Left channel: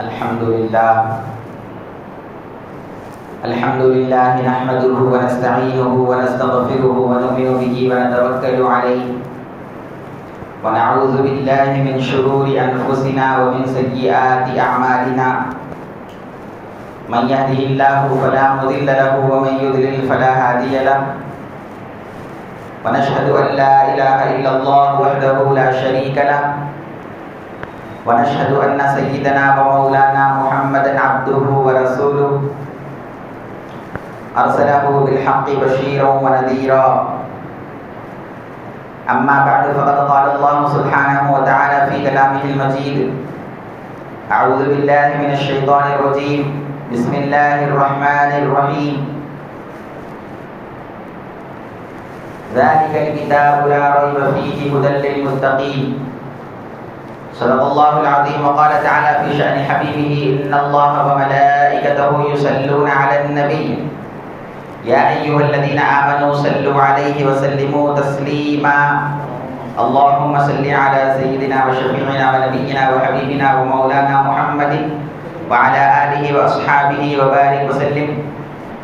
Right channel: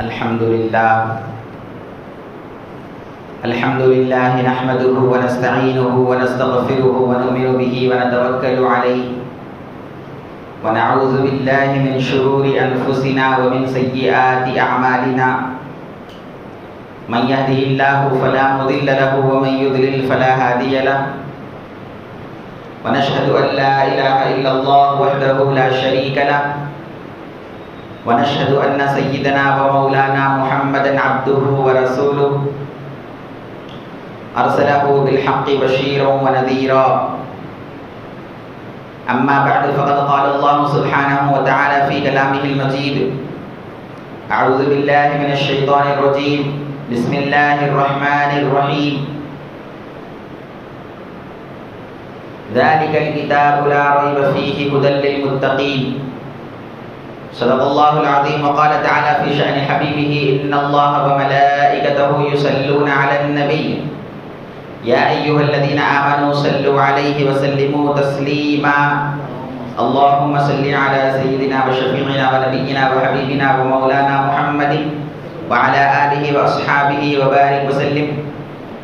الحمد لله نحمده ونستعينه ونستغفره ونؤمن به ونتوكل عليه ونعوذ بالله من شرور أنفسنا ومن سيئات أعمالنا من يهده الله فلا مضل له ومن يضلل فلا هادي له ونشهد أن لا إله إلا الله وحده لا شريك له ونشهد أن سيدنا ومولانا محمدا عبده ورسوله أرسله بالحق بشيرا ونذيرا أما بعد فقد قال الله سبحانه وتعالى في كلامه المجيد أعوذ بالله من الشيطان الرجيم بسم الله الرحمن الرحيم ذلك الكتاب لا ريب فيه هدى للمتقين صدق الله العظيم وقال تعالى في شأن حبيبه إن الله وملائكته يصلون على النبي يا أيها الذين آمنوا صلوا عليه وسلموا تسليما اللهم صل على سيدنا وشفيعنا ونبينا وحبيبنا ومولانا محمد وعلى آله وأصحابه وبارك وسلم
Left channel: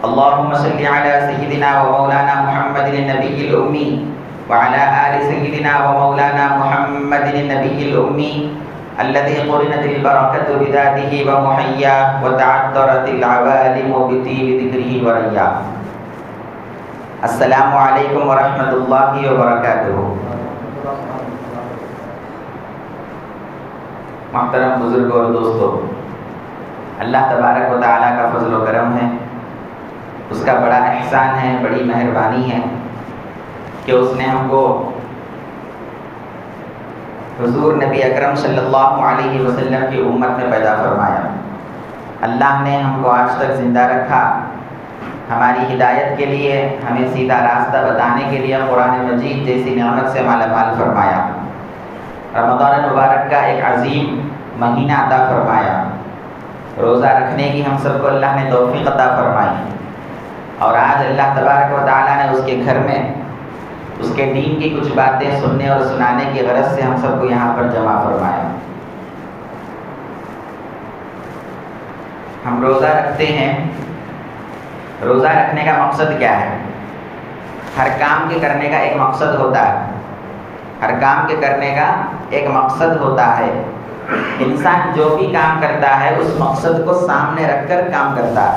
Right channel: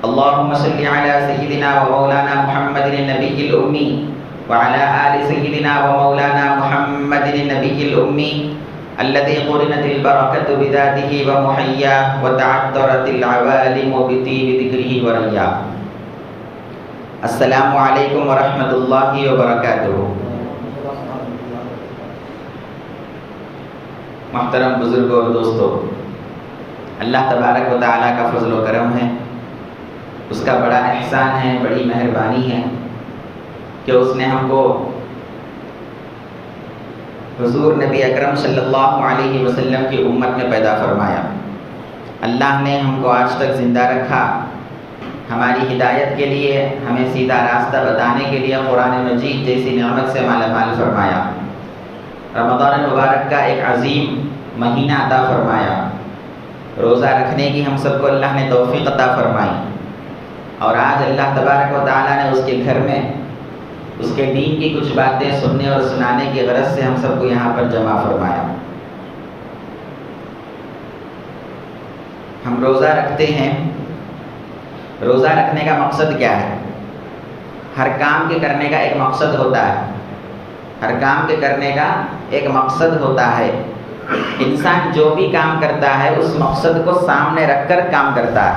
اللهم صل على سيدنا ومولانا محمد النبي الأمي وعلى آل سيدنا ومولانا محمد النبي الأمي الذي قرنت البركة بذاته ومحياه وتعطرت العوالم بطيب ذكره ورياه السلام علیکم ورحمۃ اللہ وبرکاتہ۔ محترم بزرگوں اور دوستوں، اللہ تبارک و تعالیٰ کا فضل و کرم ہے، اس کا بڑا احسان ہے، بڑی مہربانی ہے کہ اس نے ہم کو حضور نبی اکرم صلی اللہ علیہ وسلم کی امت میں پیدا فرمایا۔ اللہ نے ہم کو آج تک زندہ رکھا، ہماری ہدایت کے لیے، ہمیں سیدھا راستہ بتانے کے لیے قرآن مجید جیسی نعمت سے مالا مال فرمایا، رمضان المبارک کا ایک عظیم مہینہ عطا فرمایا، روزہ رکھنے کی ہم سب کو اللہ نے توفیق عطا فرمائی، اور آج اللہ تبارک و تعالیٰ نے اس کے گھر میں اس کے دین کی کچھ باتیں سننے اور سنانے کی غرض سے ہم سب کو یہاں پر جمع فرمایا۔ ہم روزہ رکھتے ہیں، روزہ رکھنے کا مقصد کیا ہے؟ ہر کام کے کرنے کا ایک مقصد ہوتا ہے، ہر کام کے کرنے کا ایک مقصد ہوتا ہے۔ انسان جو بھی کام کرتا ہے اس مقصد کو سامنے رکھ کر کام کرتا ہے۔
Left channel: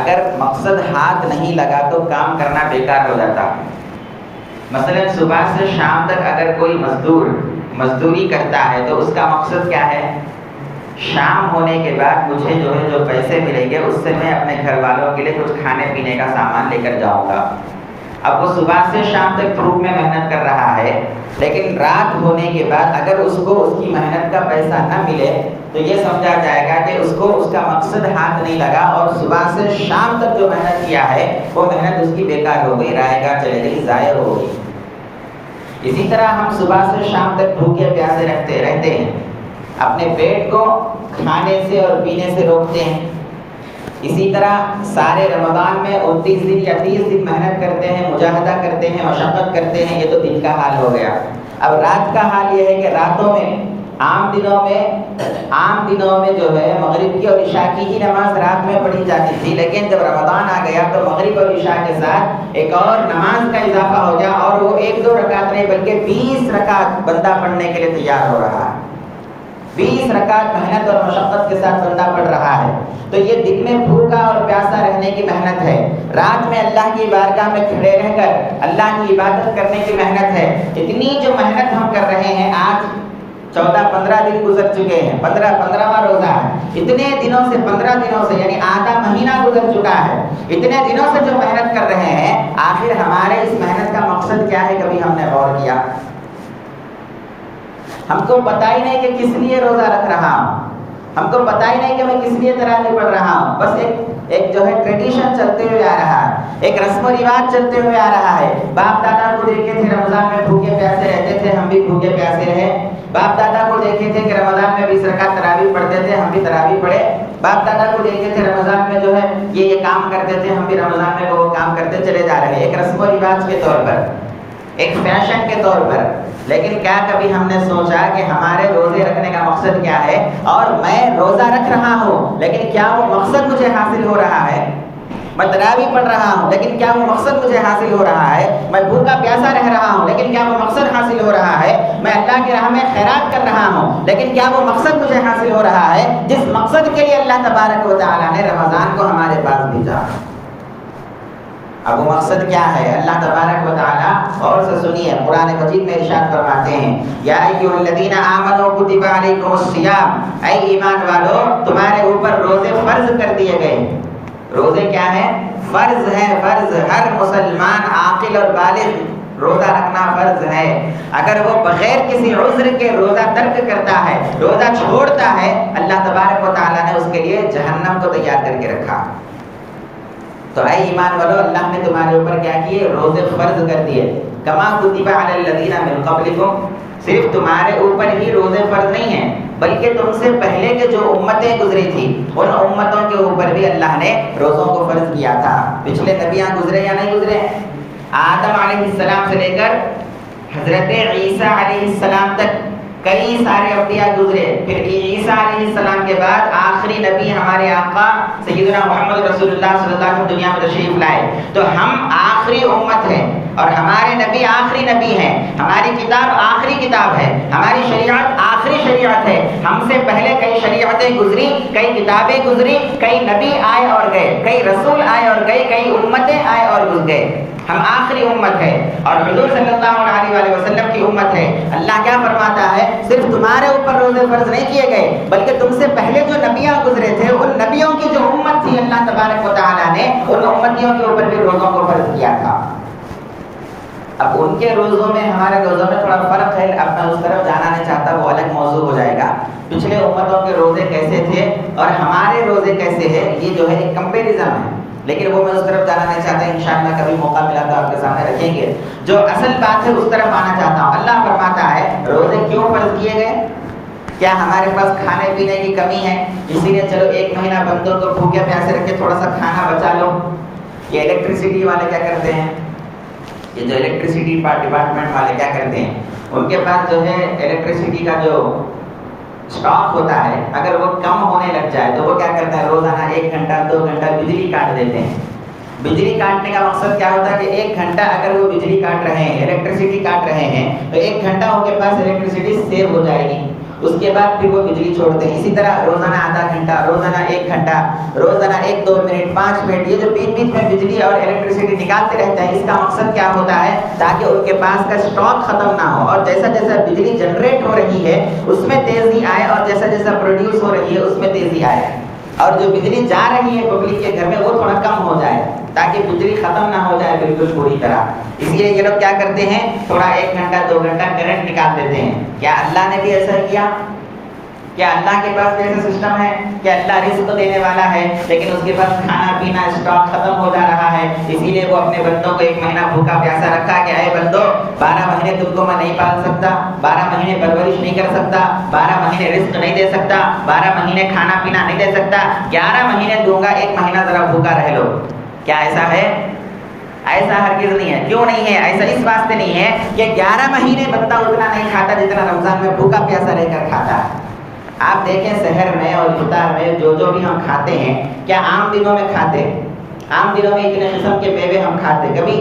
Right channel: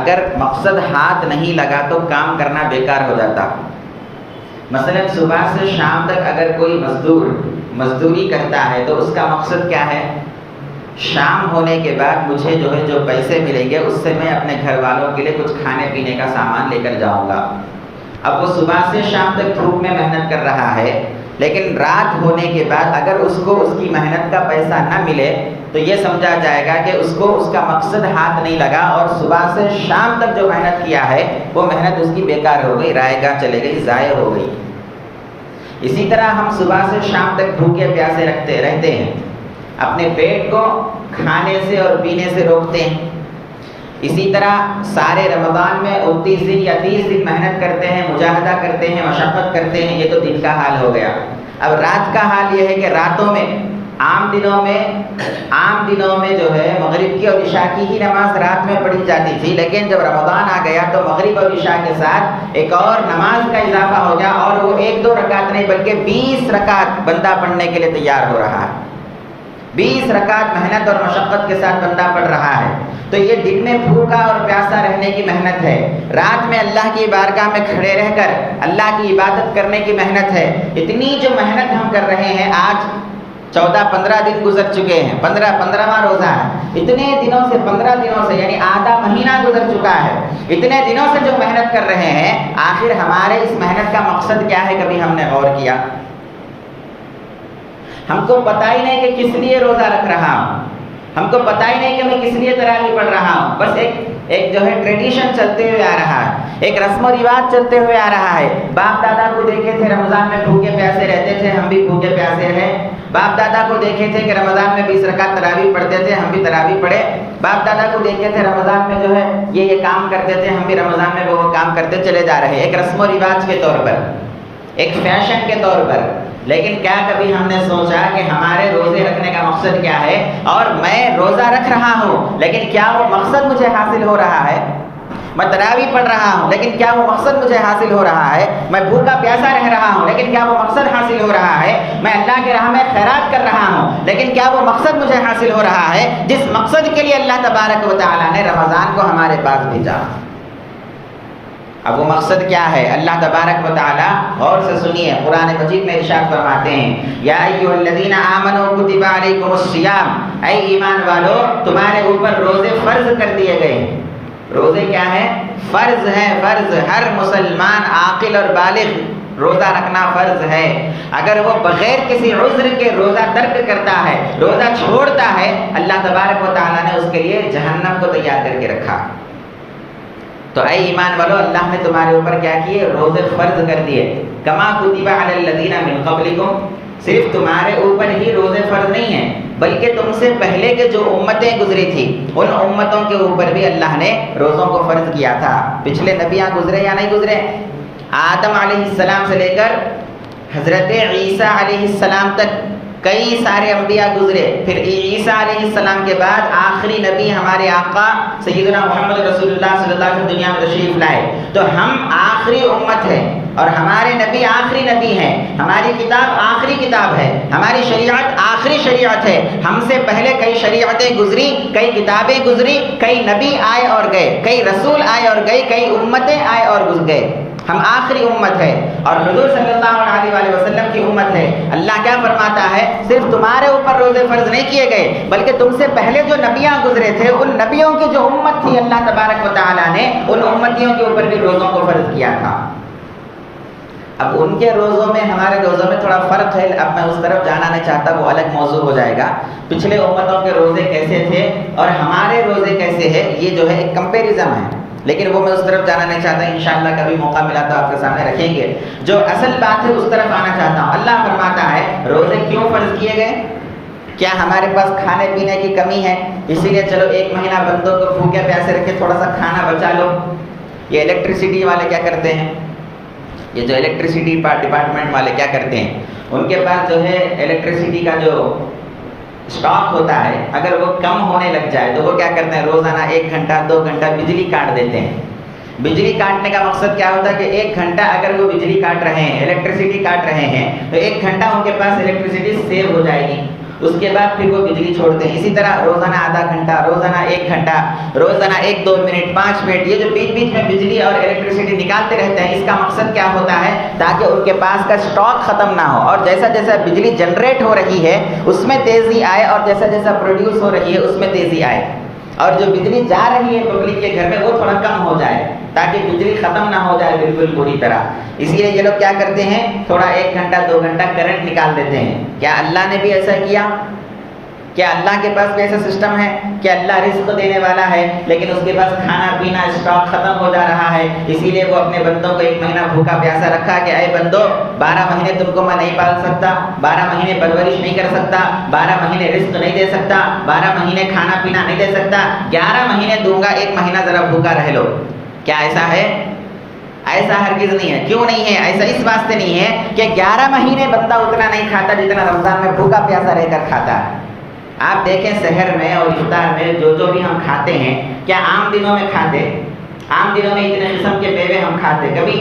اگر مقصد ہاتھ نہیں لگا تو کام کرنا بیکار ہو جاتا۔ مثلا صبح سے شام تک اگر کوئی مزدور مزدوری کرتا ہے تو اس کا مقصد کیا ہے؟ شام ہونے کے بعد مجھے جو پیسے ملیں گے اس سے میں اپنے گھر والوں کے لیے کچھ کھانے پینے کا سامان لے کر جاؤں گا۔ اب وہ صبح سے شام تک دھوپ میں محنت کر رہا ہے، لیکن رات ہونے کے بعد اگر اس کو اس کی محنت کا پیسہ نہ ملے تو یہ سمجھا جائے گا کہ اس کو اس کا مقصد ہاتھ نہیں لگا، اور صبح سے شام تک جو محنت کیا ہے وہ محنت اس کی بیکار ہو گئی، رائے گاہ چلے گئی، ضائع ہو گئی۔ اسی طرح ہم صبح سے شام تک بھوکے پیاسے رہتے ہیں، اپنے پیٹ کو کھانے سے اور پینے سے روکتے ہیں۔ اسی طرح سارے رمضان میں 29 دن یا 30 دن محنت کرتے ہیں، مجاہدہ کرتے ہیں، مشقت کرتے ہیں، یہ تو دن کا حال ہو گیا۔ اب رات کا حال یہ ہے کہ راتوں میں عام دنوں میں جو ہے مغرب کی اور عشاء کی ہی نماز رات میں پڑھی جاتی تھی، لیکن جب رمضان آ گیا تو مغرب اور عشاء کے ساتھ ایک اور نماز کا اضافہ ہو گیا، اور وہ 1-2 رکعت نہیں بلکہ 20 رکعت بندہ پڑھنے کے لیے تیار ہو رہا ہے۔ 20 رکعت محنت اور مشقت کے ساتھ بندہ پڑھ رہا ہے۔ تو یہ دن میں بھوکا اور پیاسا رہنے کی محنت ہے، رات میں اللہ کی بارگاہ میں کھڑے رہ کر اللہ کی عبادت کرنے کی محنت ہے۔ اتنی جو محنت ہم کر رہے ہیں، آج 14-15 دن گزر چکے ہیں، 15واں روزہ ہے، اتنے دنوں سے 15 دنوں سے یعنی آدھا مہینہ گزر چکا ہے۔ اتنے دنوں سے جو محنت کر رہے ہیں، آخر ہمارے اس محنت کا مقصد کیا ہے؟ کبھی ہم نے غور کیا؟ ہم کو پتہ ہی نہیں کہ کس لیے روزہ رکھ رہا ہوں، ہم کو پتہ ہی نہیں کہ میں کس لیے تراویح پڑھ رہا ہوں۔ بس ایک جو ہے ٹریڈیشن چلتے ہوئے آ رہا ہے، ایک رسم و رواج چلتے ہوئے آ رہا ہے۔ باپ دادا کو دیکھے تھے رمضان میں بھوکے پیاسے رہتے تھے، ہم بھی بھوکے پیاسے رہے۔ باپ دادا کو دیکھے تھے کہ رمضان میں 20 رکعت تراویح پڑھتے تھے، ہم بھی تراویح پڑھے۔ باپ دادا کو دیکھے تھے رمضان میں جو ہے یہ کام کرتے تھے، ہم بھی رمضان میں وہ کام کرتے چلے جا رہے ہیں، ایک رسم و رواج کے طور پر، ایک فیشن کے طور پر۔ لیکن کیا کبھی ہم نے سوچا کہ ہمارے روزے رکھنے کا مقصد مقصد کیا ہے، اور میں روزہ رکھ رہا ہوں لیکن کیا وہ مقصد مجھے حاصل ہو رہا ہے؟ میں تراویح پڑھ رہا ہوں لیکن کیا وہ مقصد مجھے حاصل ہو رہا ہے؟ میں بھوکا پیاسا رہ رہا ہوں لیکن کیا وہ مقصد حاصل ہو رہا ہے؟ میں اللہ کے راہ میں خیرات کر رہا ہوں لیکن کیا وہ مقصد مجھے حاصل ہو رہا ہے جس مقصد کے لیے اللہ تبارک و تعالیٰ نے رمضان کو ہمارے پاس بھیجا؟ اب وہ مقصد کیا ہے؟ اللہ تبارک و تعالیٰ غور سے سنیے، قرآن مجید میں ارشاد فرماتے ہیں، یا ایھا الذین آمنوا کتب علیکم الصیام، اے ایمان والو تمہارے اوپر روزے فرض کر دیے گئے۔ روزے کیا ہے؟ فرض ہے، فرض۔ ہر مسلمان عاقل اور بالغ روزہ رکھنا فرض ہے۔ اگر وہ بغیر کسی عذر کے روزہ ترک کرتا ہے، روزہ چھوڑتا ہے، اللہ تبارک و تعالیٰ نے اس کے لیے جہنم کو تیار کر کے رکھا۔ تو اے ایمان والو، اللہ نے تمہارے اوپر کیا کیے؟ روزے فرض کر دیے۔ کما کتب علی الذین من قبلکم، صرف تمہارے اوپر ہی روزے فرض نہیں ہیں بلکہ تم سے پہلے کے جو امتیں گزری تھی ان امتوں کے اوپر بھی اللہ نے روزوں کو فرض کیا تھا۔ پچھلے نبیاں گزرے یا نہیں گزرے؟ آدم علیہ السلام سے لے کر حضرت عیسیٰ علیہ السلام تک کئی سارے انبیاء گزرے۔ پھر عیسیٰ علیہ السلام کے بعد آخری نبی ہمارے آقا سیدنا محمد رسول اللہ صلی اللہ علیہ وسلم دنیا میں تشریف لائے۔ تو ہم آخری امت ہیں اور ہمارے نبی آخری نبی ہیں، ہماری کتاب آخری کتاب ہے، ہماری شریعت آخری شریعت ہے۔ ہم سے پہلے کئی شریعتیں گزری، کئی کتابیں گزری، کئی نبی آئے اور گئے، کئی رسول آئے اور گئے، کئی امتیں آئے اور گزر گئے۔ ہم آخری امت ہے اور حضور صلی اللہ علیہ وآلہ وسلم کی امت ہے۔ اللہ کیا فرماتا ہے؟ صرف تمہارے اوپر روزے فرض نہیں کیے گئے بلکہ تم سے پہلے جو نبیاں گزرے تھے ان نبیوں کی جو امت تھی اللہ تبارک و تعالیٰ نے ان امتیوں کے اوپر بھی روزوں کو فرض کیا تھا۔ اب ان کے روزوں میں ہمارے روزوں میں تھوڑا فرق ہے، اب میں اس طرف جانا نہیں چاہتا، وہ الگ موضوع ہو جائے گا۔ پچھلے امتوں کے روزے کیسے تھے اور ہمارے روزے کیسے ہیں، یہ جو ہے ایک کمپیریزن ہے، لیکن وہ میں اس طرف جانا نہیں چاہتا۔ انشاءاللہ کبھی موقع ملا تو آپ کے سامنے رکھیں گے۔ جو اصل بات ہے اس طرف آنا چاہتا ہوں۔ اللہ فرماتا ہے روزے کیوں فرض کیے گئے؟ کیا ہمارے پاس کھانے پینے کی کمی ہے اسی لیے چلو ایک مہینہ بندوں کو بھوکے پیاسے رکھ کے تھوڑا سا کھانا بچا لو؟ یہ الیکٹریسٹی والے کیا کرتے ہیں، یہ جو الیکٹریسٹی ڈپارٹمنٹ والے کیا کرتے ہیں، ان کے پاس جو ہے الیکٹریسٹی کا جو اسٹاک ہوتا ہے اگر وہ کم ہونے لگ جائے تو وہ کیا کرتے ہیں، روزانہ 1 گھنٹہ 2 گھنٹہ بجلی کاٹ دیتے ہیں۔ بجلی کاٹنے کا مقصد کیا ہوتا ہے کہ 1 گھنٹہ اگر وہ بجلی کاٹ رہے ہیں، الیکٹریسٹی کاٹ رہے ہیں تو 1 گھنٹہ ان کے پاس الیکٹریسٹی سیو ہو جائے گی، اس کے بعد پھر وہ بجلی چھوڑتے ہیں۔ اسی طرح روزانہ آدھا گھنٹہ، روزانہ 1 گھنٹہ، روزانہ 1-2 منٹ 5 منٹ، یہ جو بیچ بیچ میں بجلی اور الیکٹریسٹی نکالتے رہتے ہیں، اس کا مقصد کیا ہوتا ہے تاکہ ان کے پاس کا اسٹاک ختم نہ ہو، اور جیسا جیسا بجلی جنریٹ ہو رہی ہے اس میں تیزی آئے اور جیسا جیسا پروڈیوس ہو رہی ہے اس میں تیزی آئے، اور جو بجلی جا رہی ہے پبلک کے گھر میں وہ تھوڑا کم ہو جائے تاکہ بجلی ختم نہ ہو جائے بالکل پوری طرح۔ اس لیے یہ لوگ کیا کرتے ہیں، تھوڑا 1 گھنٹہ 2 گھنٹہ کرنٹ نکال دیتے ہیں۔ کیا اللہ نے بھی ایسا کیا؟ کیا اللہ کے پاس بھی ایسا سسٹم ہے؟ کیا اللہ رزق دینے والا ہے لیکن اس کے پاس کھانا پینا اسٹاک ختم ہو جا رہا ہے، اسی لیے وہ اپنے بندوں کو 1 مہینہ بھوکا پیاسا رکھا کہ اے بندو 12 مہینے تم کو میں نہیں پال سکتا، 12 مہینے پرورش نہیں کر سکتا، 12 مہینے رزق نہیں دے سکتا، 12 مہینے کھانا پینا نہیں دے سکتا، 11 مہینے دوں گا، 1 مہینہ ذرا بھوکا رہ لو۔ کیا ایسا ہے؟ ایسا ہرگز نہیں ہے۔ کیوں نہیں ہے ایسا؟ اس واسطے نہیں ہے کہ 11 مہینے بندہ اتنا نہیں کھاتا جتنا رمضان میں بھوکا پیاسا رہ کر کھاتا ہے۔ آپ دیکھیں سحر میں اور افطار میں جو بھی ہم کھاتے ہیں، کیا عام دنوں میں کھاتے؟ عام دنوں میں اتنے قسم کے میوے ہم کھاتے؟ کبھی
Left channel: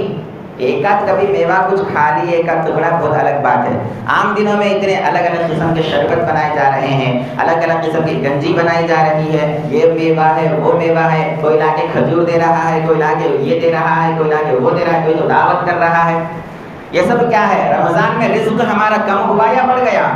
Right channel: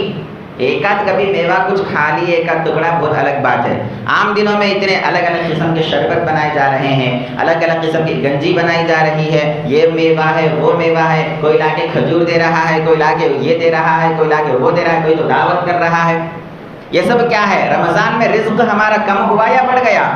ایک آدھ کبھی میوہ کچھ کھا لی، ایک آدھ ٹکڑا، بہت الگ بات ہے۔ عام دنوں میں اتنے الگ الگ قسم کے شربت بنائے جا رہے ہیں، الگ الگ قسم کی گنجی بنائی جا رہی ہے، یہ میوہ ہے وہ میوہ ہے، کوئی لا کے کھجور دے رہا ہے، کوئی لا کے یہ دے رہا ہے، کوئی لا کے وہ دے رہا ہے، کوئی تو دعوت کر رہا ہے۔ یہ سب کیا ہے؟ رمضان میں رزق ہمارا کم ہوا یا بڑھ گیا؟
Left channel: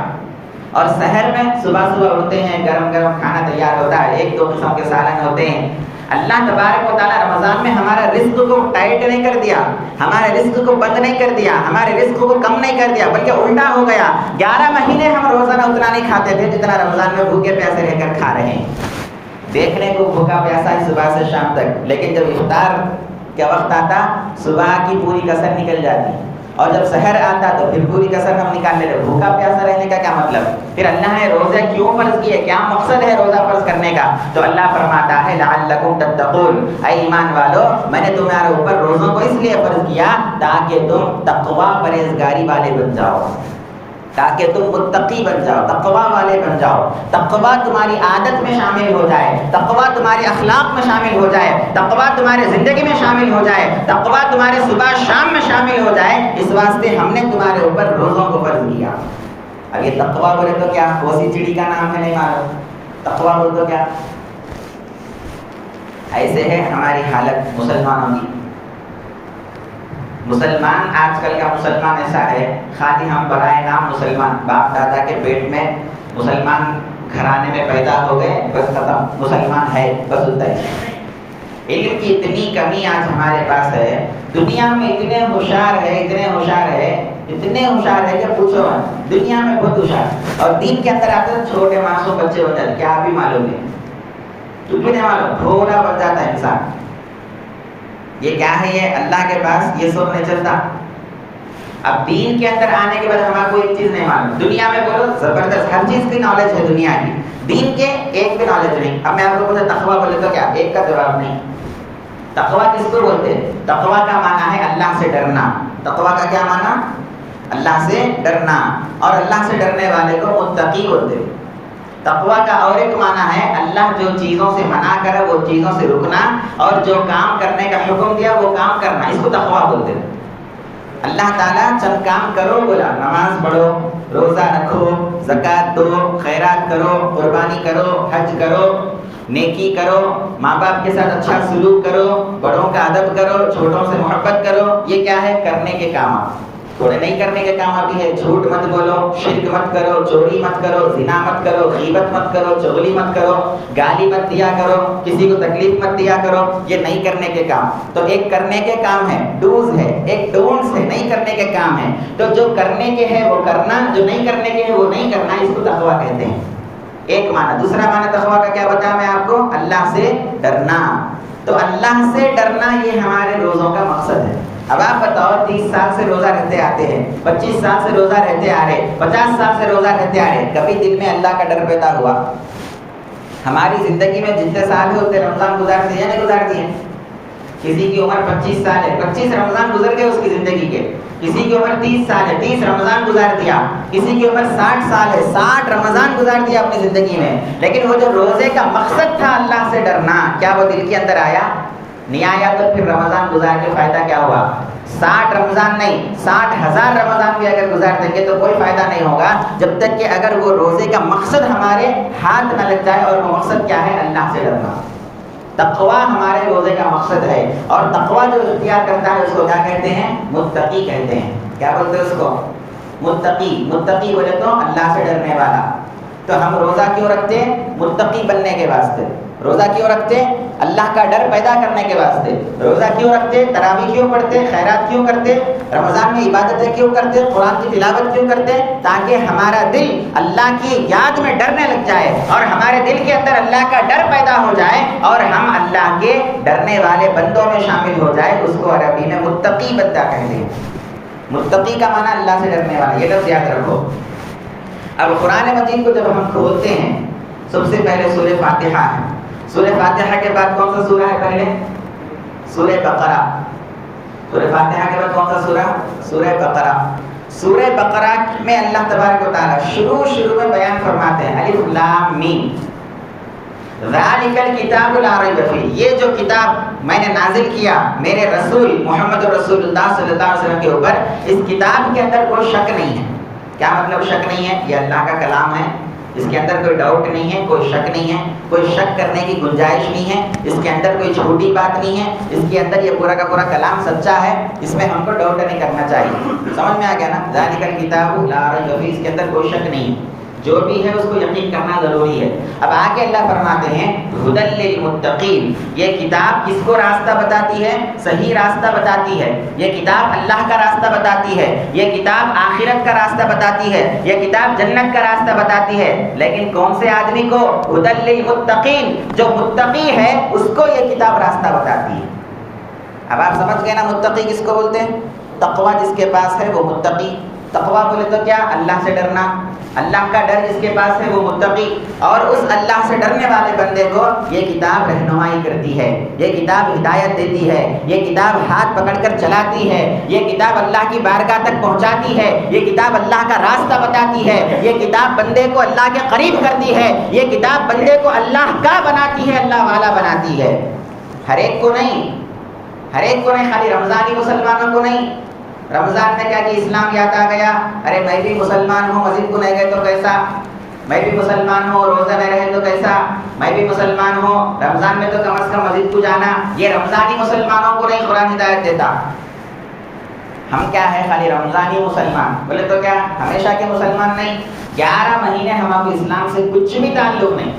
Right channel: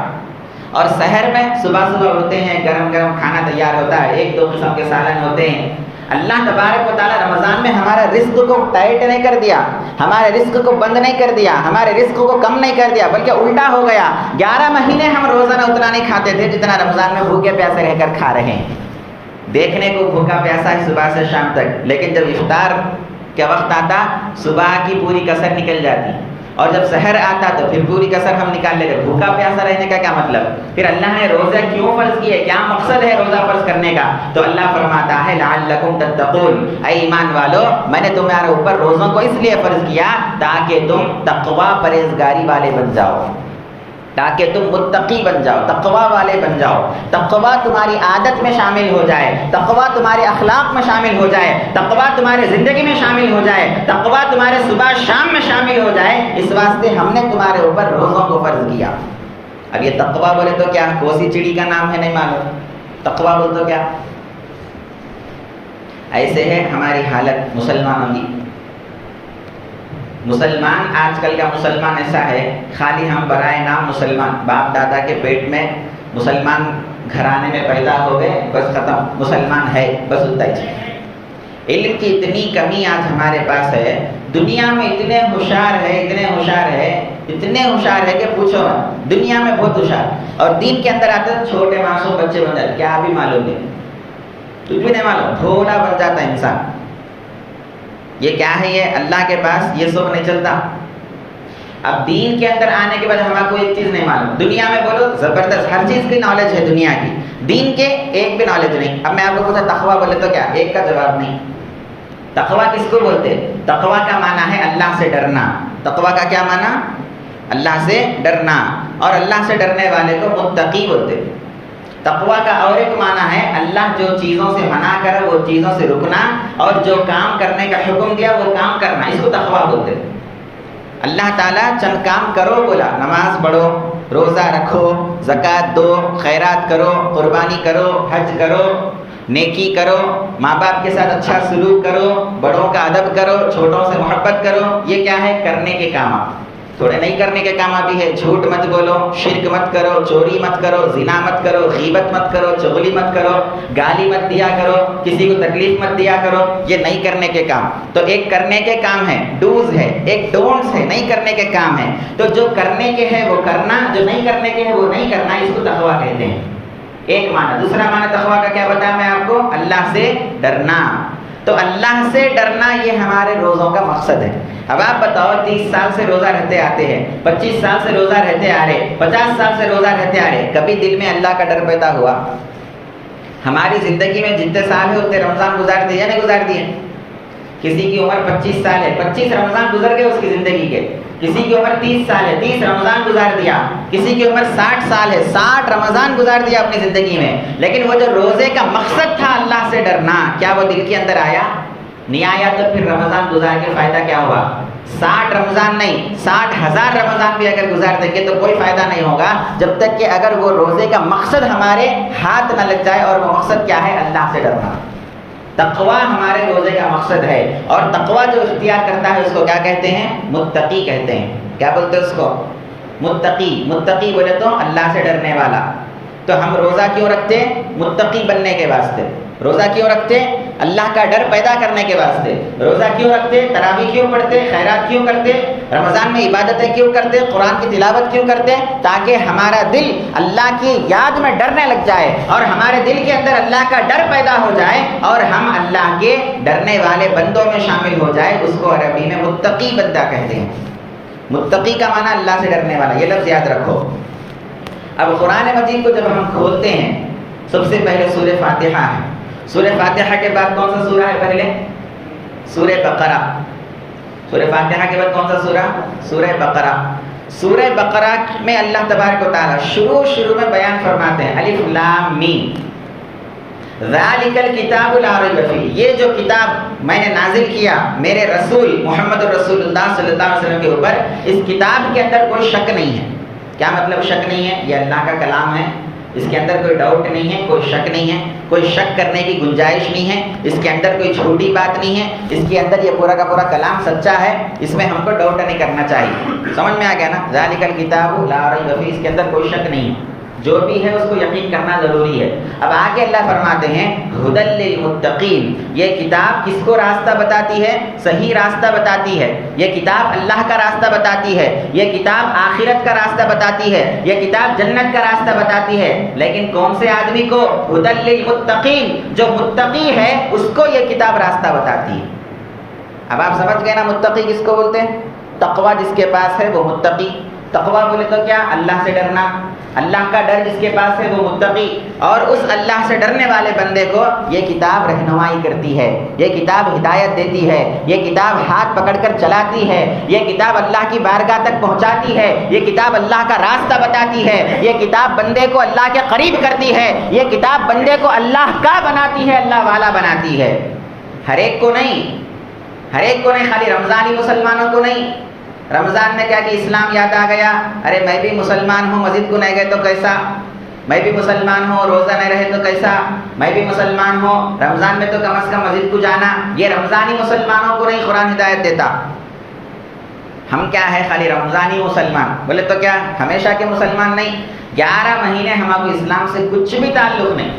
اور سحر میں صبح صبح اٹھتے ہیں، گرم گرم کھانا تیار ہوتا ہے، 1-2 قسم کے سالن ہوتے ہیں۔ اللہ تبارک و تعالیٰ رمضان میں ہمارا رزق کو ٹائٹ نہیں کر دیا، ہمارے رزق کو بند نہیں کر دیا، ہمارے رزق کو کم نہیں کر دیا، بلکہ الٹا ہو گیا۔ 11 مہینے ہم روزانہ اتنا نہیں کھاتے تھے جتنا رمضان میں بھوکے پیاسے رہ کر کھا رہے ہیں۔ دیکھنے کو بھوکا پیاسا ہے صبح سے شام تک، لیکن جب افطار کا وقت آتا صبح کی پوری کسر نکل جاتی، اور جب سحر آتا تو پھر پوری کسر ہم نکال لیتے۔ بھوکا پیاسا رہنے کا کیا مطلب؟ پھر اللہ نے روزے کیوں فرض کیے؟ کیا مقصد ہے روزہ فرض کرنے کا؟ تو اللہ فرماتا ہے لعلکم تتقون، اے ایمان والو میں نے تمہارے اوپر روزوں کو اس لیے فرض کیا تاکہ تم تقوی پرہیزگاری والے بن جاؤ۔ تاکہ تم متقی بن جاؤ، تقوی والے بن جاؤ، تقوی تمہاری عادت میں شامل ہو جائے، تقوی تمہارے اخلاق میں شامل ہو جائے، تقوی تمہاری زندگی میں شامل ہو جائے، تقوی تمہارے صبح شام میں شامل ہو جائے۔ اس واسطے ہم نے تمہارے اوپر روزوں کو فرض کیا۔ اب یہ تقوی بولے تو کیا کوسی چڑی کا نام ہے نہیں معلوم، تقوی بول تو کیا؟ ایسے ہے ہماری حالت مسلمانوں کی۔ مسلمان آج کل کا مسلمان ایسا ہے، خالی ہم برائے نام مسلمان، باپ دادا کے پیٹ میں مسلمان گھرانے میں پیدا ہو گئے، بس ختم، مسلمان ہے، بس اتنا ہی۔ علم کی اتنی کمی آج ہمارے پاس ہے، دنیا میں اتنے ہوشیار ہے، اتنے ہوشیار ہے، اتنے ہوشیار ہے کہ پوچھو، دنیا میں بہت ہوشیار، اور دین کے اندر آتے ہیں چھوٹے معصوم بچے بن جاتے، کیا بھی معلوم نہیں، کچھ بھی نہیں معلوم، بھولا بن جاتا ہے انسان۔ یہ کیا ہے؟ یہ اللہ کے پاس یہ سب نہیں چلتا۔ اب دین کے اندر آنے کے بعد ہمیں کوئی ایک چیز نہیں معلوم، دنیا میں بولو زبردست ہر چیز کی نالج ہے دنیا کی، دین کے ایک بھی نالج نہیں۔ اب میں آپ کو پوچھا تقویٰ بولے تو کیا؟ ایک کا جواب نہیں۔ تقویٰ کس کو بولتے ہیں؟ تقویٰ کا معنی ہے اللہ سے ڈرنا۔ تقویٰ کا کیا معنی؟ اللہ سے ڈرنا، اور اللہ سے ڈرنے والے کو متقی بولتے ہیں۔ تقویٰ کا اور ایک معنی ہے اللہ جو چیزوں سے منع کرے وہ چیزوں سے رکنا، اور جو کام کرنے کا حکم دیا وہ کام کرنا، اس کو تقویٰ بولتے ہیں۔ اللہ تعالیٰ چند کام کرو بولا، نماز پڑھو، روزہ رکھو، زکوٰۃ دو، خیرات کرو، قربانی کرو، حج کرو، نیکی کرو، ماں باپ کے ساتھ اچھا سلوک کرو، بڑوں کا ادب کرو، چھوٹوں سے محبت کرو، یہ کیا ہے؟ کرنے کے کام۔ تھوڑے نہیں کرنے کے کام بھی ہے، جھوٹ مت بولو، شرک مت کرو، چوری مت کرو، زنا مت کرو، غیبت مت کرو، چغلی مت کرو، گالی مت دیا کرو، کسی کو تکلیف مت دیا کرو، یہ نہیں کرنے کے کام۔ تو ایک کرنے کے کام ہے، ڈوز ہے، ایک ڈونٹس ہے، نہیں کرنے کے کام ہے۔ تو جو کرنے کے ہے وہ کرنا، جو نہیں کرنے کے ہے وہ نہیں کرنا، اس کو تقویٰ کہتے ہیں۔ ایک معنی۔ دوسرا معنی تقویٰ کا کیا بتایا میں آپ کو؟ اللہ سے ڈرنا۔ تو اللہ سے ڈرنا یہ ہمارے روزوں کا مقصد ہے۔ اب آپ بتاؤ 30 سال سے روزہ رہتے آتے ہیں، 25 سال سے روزہ رہتے آ رہے، 50 سال سے روزہ رہتے آ رہے، کبھی دل میں اللہ کا ڈر پیدا ہوا؟ ہماری زندگی میں جتنے سال ہے اتنے رمضان گزار دیے یا نہیں گزار دیے؟ کسی کی عمر 25 سال ہے، 25 رمضان گزر گئے اس کی زندگی کے۔ کسی کی عمر 30 سال ہے، 30 رمضان گزار دیا۔ کسی کی عمر 60 سال ہے، 60 رمضان گزار دیا اپنی زندگی میں۔ لیکن وہ جو روزے کا مقصد تھا اللہ سے ڈرنا، کیا وہ دل کے اندر آیا؟ نہیں آیا۔ تو پھر رمضان گزار کے فائدہ کیا ہوا؟ 60 رمضان نہیں، 60,000 رمضان بھی اگر گزار دیں گے تو کوئی فائدہ نہیں ہوگا، جب تک کہ اگر وہ روزے کا مقصد ہمارے ہاتھ نہ لگ جائے۔ اور وہ مقصد کیا ہے؟ اللہ سے ڈرنا۔ تقویٰ ہمارے روزے کا مقصد ہے، اور تقویٰ جو اختیار کرتا ہے اس کو کیا کہتے ہیں؟ متقی کہتے ہیں۔ کیا بولتے ہیں اس کو؟ متقی۔ متقی بولے تو اللہ سے ڈرنے والا۔ تو ہم روزہ کیوں رکھتے ہیں؟ متقی بننے کے واسطے۔ روزہ کیوں رکھتے؟ اللہ کا ڈر پیدا کرنے کے واسطے۔ روزہ کیوں رکھتے؟ تراویح کیوں پڑھتے؟ خیرات کیوں کرتے؟ رمضان میں عبادتیں کیوں کرتے؟ قرآن کی تلاوت کیوں کرتے؟ تاکہ ہمارا دل اللہ کی یاد میں ڈرنے لگ جائے، اور ہمارے دل کے اندر اللہ کا ڈر پیدا ہو جائے، اور ہم اللہ کے ڈرنے والے بندوں میں شامل ہو جائے۔ اس کو عربی میں متقی بندہ کہتے ہیں۔ متقی کا معنی اللہ سے ڈرنے والا، یہ لفظ یاد رکھو۔ اب قرآن مجید کو جب ہم کھولتے ہیں، سب سے پہلے سورہ فاتحہ ہے۔ سورہ فاتحہ کے بعد کون سا سورہ ہے؟ پہلے سورہ بقرہ۔ سورہ فاتحہ کے بعد کون سا سورہ؟ سورہ بقرہ۔ سورہ بقرہ میں اللہ تبارک و تعالیٰ شروع میں بیان فرماتے ہیں، الف لام میم، ذالک الکتاب لا ریب فیہ، یہ جو کتاب میں نے نازل کیا میرے رسول محمد رسول اللہ صلی اللہ علیہ وسلم کے اوپر، اس کتاب کے اندر کوئی شک نہیں ہے۔ کیا مطلب شک نہیں ہے؟ یہ اللہ کا کلام ہے، اس کے اندر کوئی ڈاؤٹ نہیں ہے، کوئی شک نہیں ہے، کوئی شک کرنے کی گنجائش نہیں ہے، اس کے اندر کوئی چھوٹی بات نہیں ہے، اس کے اندر یہ پورا کا پورا کلام سچا ہے، اس میں ہم کو ڈاؤٹ نہیں کرنا چاہیے۔ سمجھ میں آ گیا نا؟ ذالک الکتاب لا ریب فیہ، اس کے اندر کوئی شک نہیں ہے، جو بھی ہے اس کو یقین کرنا ضروری ہے۔ اب آگے اللہ فرماتے ہیں ھدی للمتقین، یہ کتاب کس کو راستہ بتاتی ہے؟ صحیح راستہ بتاتی ہے۔ یہ کتاب اللہ کا راستہ بتاتی ہے، یہ کتاب آخرت کا راستہ بتاتی ہے، یہ کتاب جنت کا راستہ بتاتی ہے۔ لیکن کون سے آدمی کو؟ ھدی للمتقین، جو متقی ہے اس کو یہ کتاب راستہ بتاتی ہے۔ اب آپ سمجھ گئے نا متقی کس کو بولتے ہیں؟ تقویٰ جس کے پاس ہے وہ متقی، تقویٰ بولے تو کیا؟ اللہ سے ڈرنا، اللہ کا ڈر جس کے پاس ہے وہ متقی، اور اس اللہ سے ڈرنے والے بندے کو یہ کتاب رہنمائی کرتی ہے، یہ کتاب ہدایت دیتی ہے، یہ کتاب ہاتھ پکڑ کر چلاتی ہے، یہ کتاب اللہ کی بارگاہ تک پہنچاتی ہے، یہ کتاب اللہ کا راستہ بتاتی ہے، یہ کتاب بندے کو اللہ کے قریب کرتی ہے، یہ کتاب بندے کو اللہ کا بناتی ہے، اللہ والا بناتی ہے۔ ہر ایک کو نہیں، ہر ایک کو نہیں، خالی رمضانی مسلمانوں کو نہیں۔ رمضان میں کیا کہ اسلام یاد آ گیا، ارے میں بھی مسلمان ہوں، مسجد کو نہیں گئے تو کیسا؟ میں بھی مسلمان ہوں، روزہ نہیں رہے تو کیسا؟ میں بھی مسلمان ہوں، رمضان میں تو کم از کم مسجد کو جانا۔ یہ رمضانی مسلمانوں کو نہیں قرآن ہدایت دیتا۔ ہم کیا ہے؟ خالی رمضانی مسلمان بولے تو کیا ہمیشہ کے مسلمان نہیں؟ 11 مہینے ہمارے اسلام سے کچھ بھی تعلق نہیں،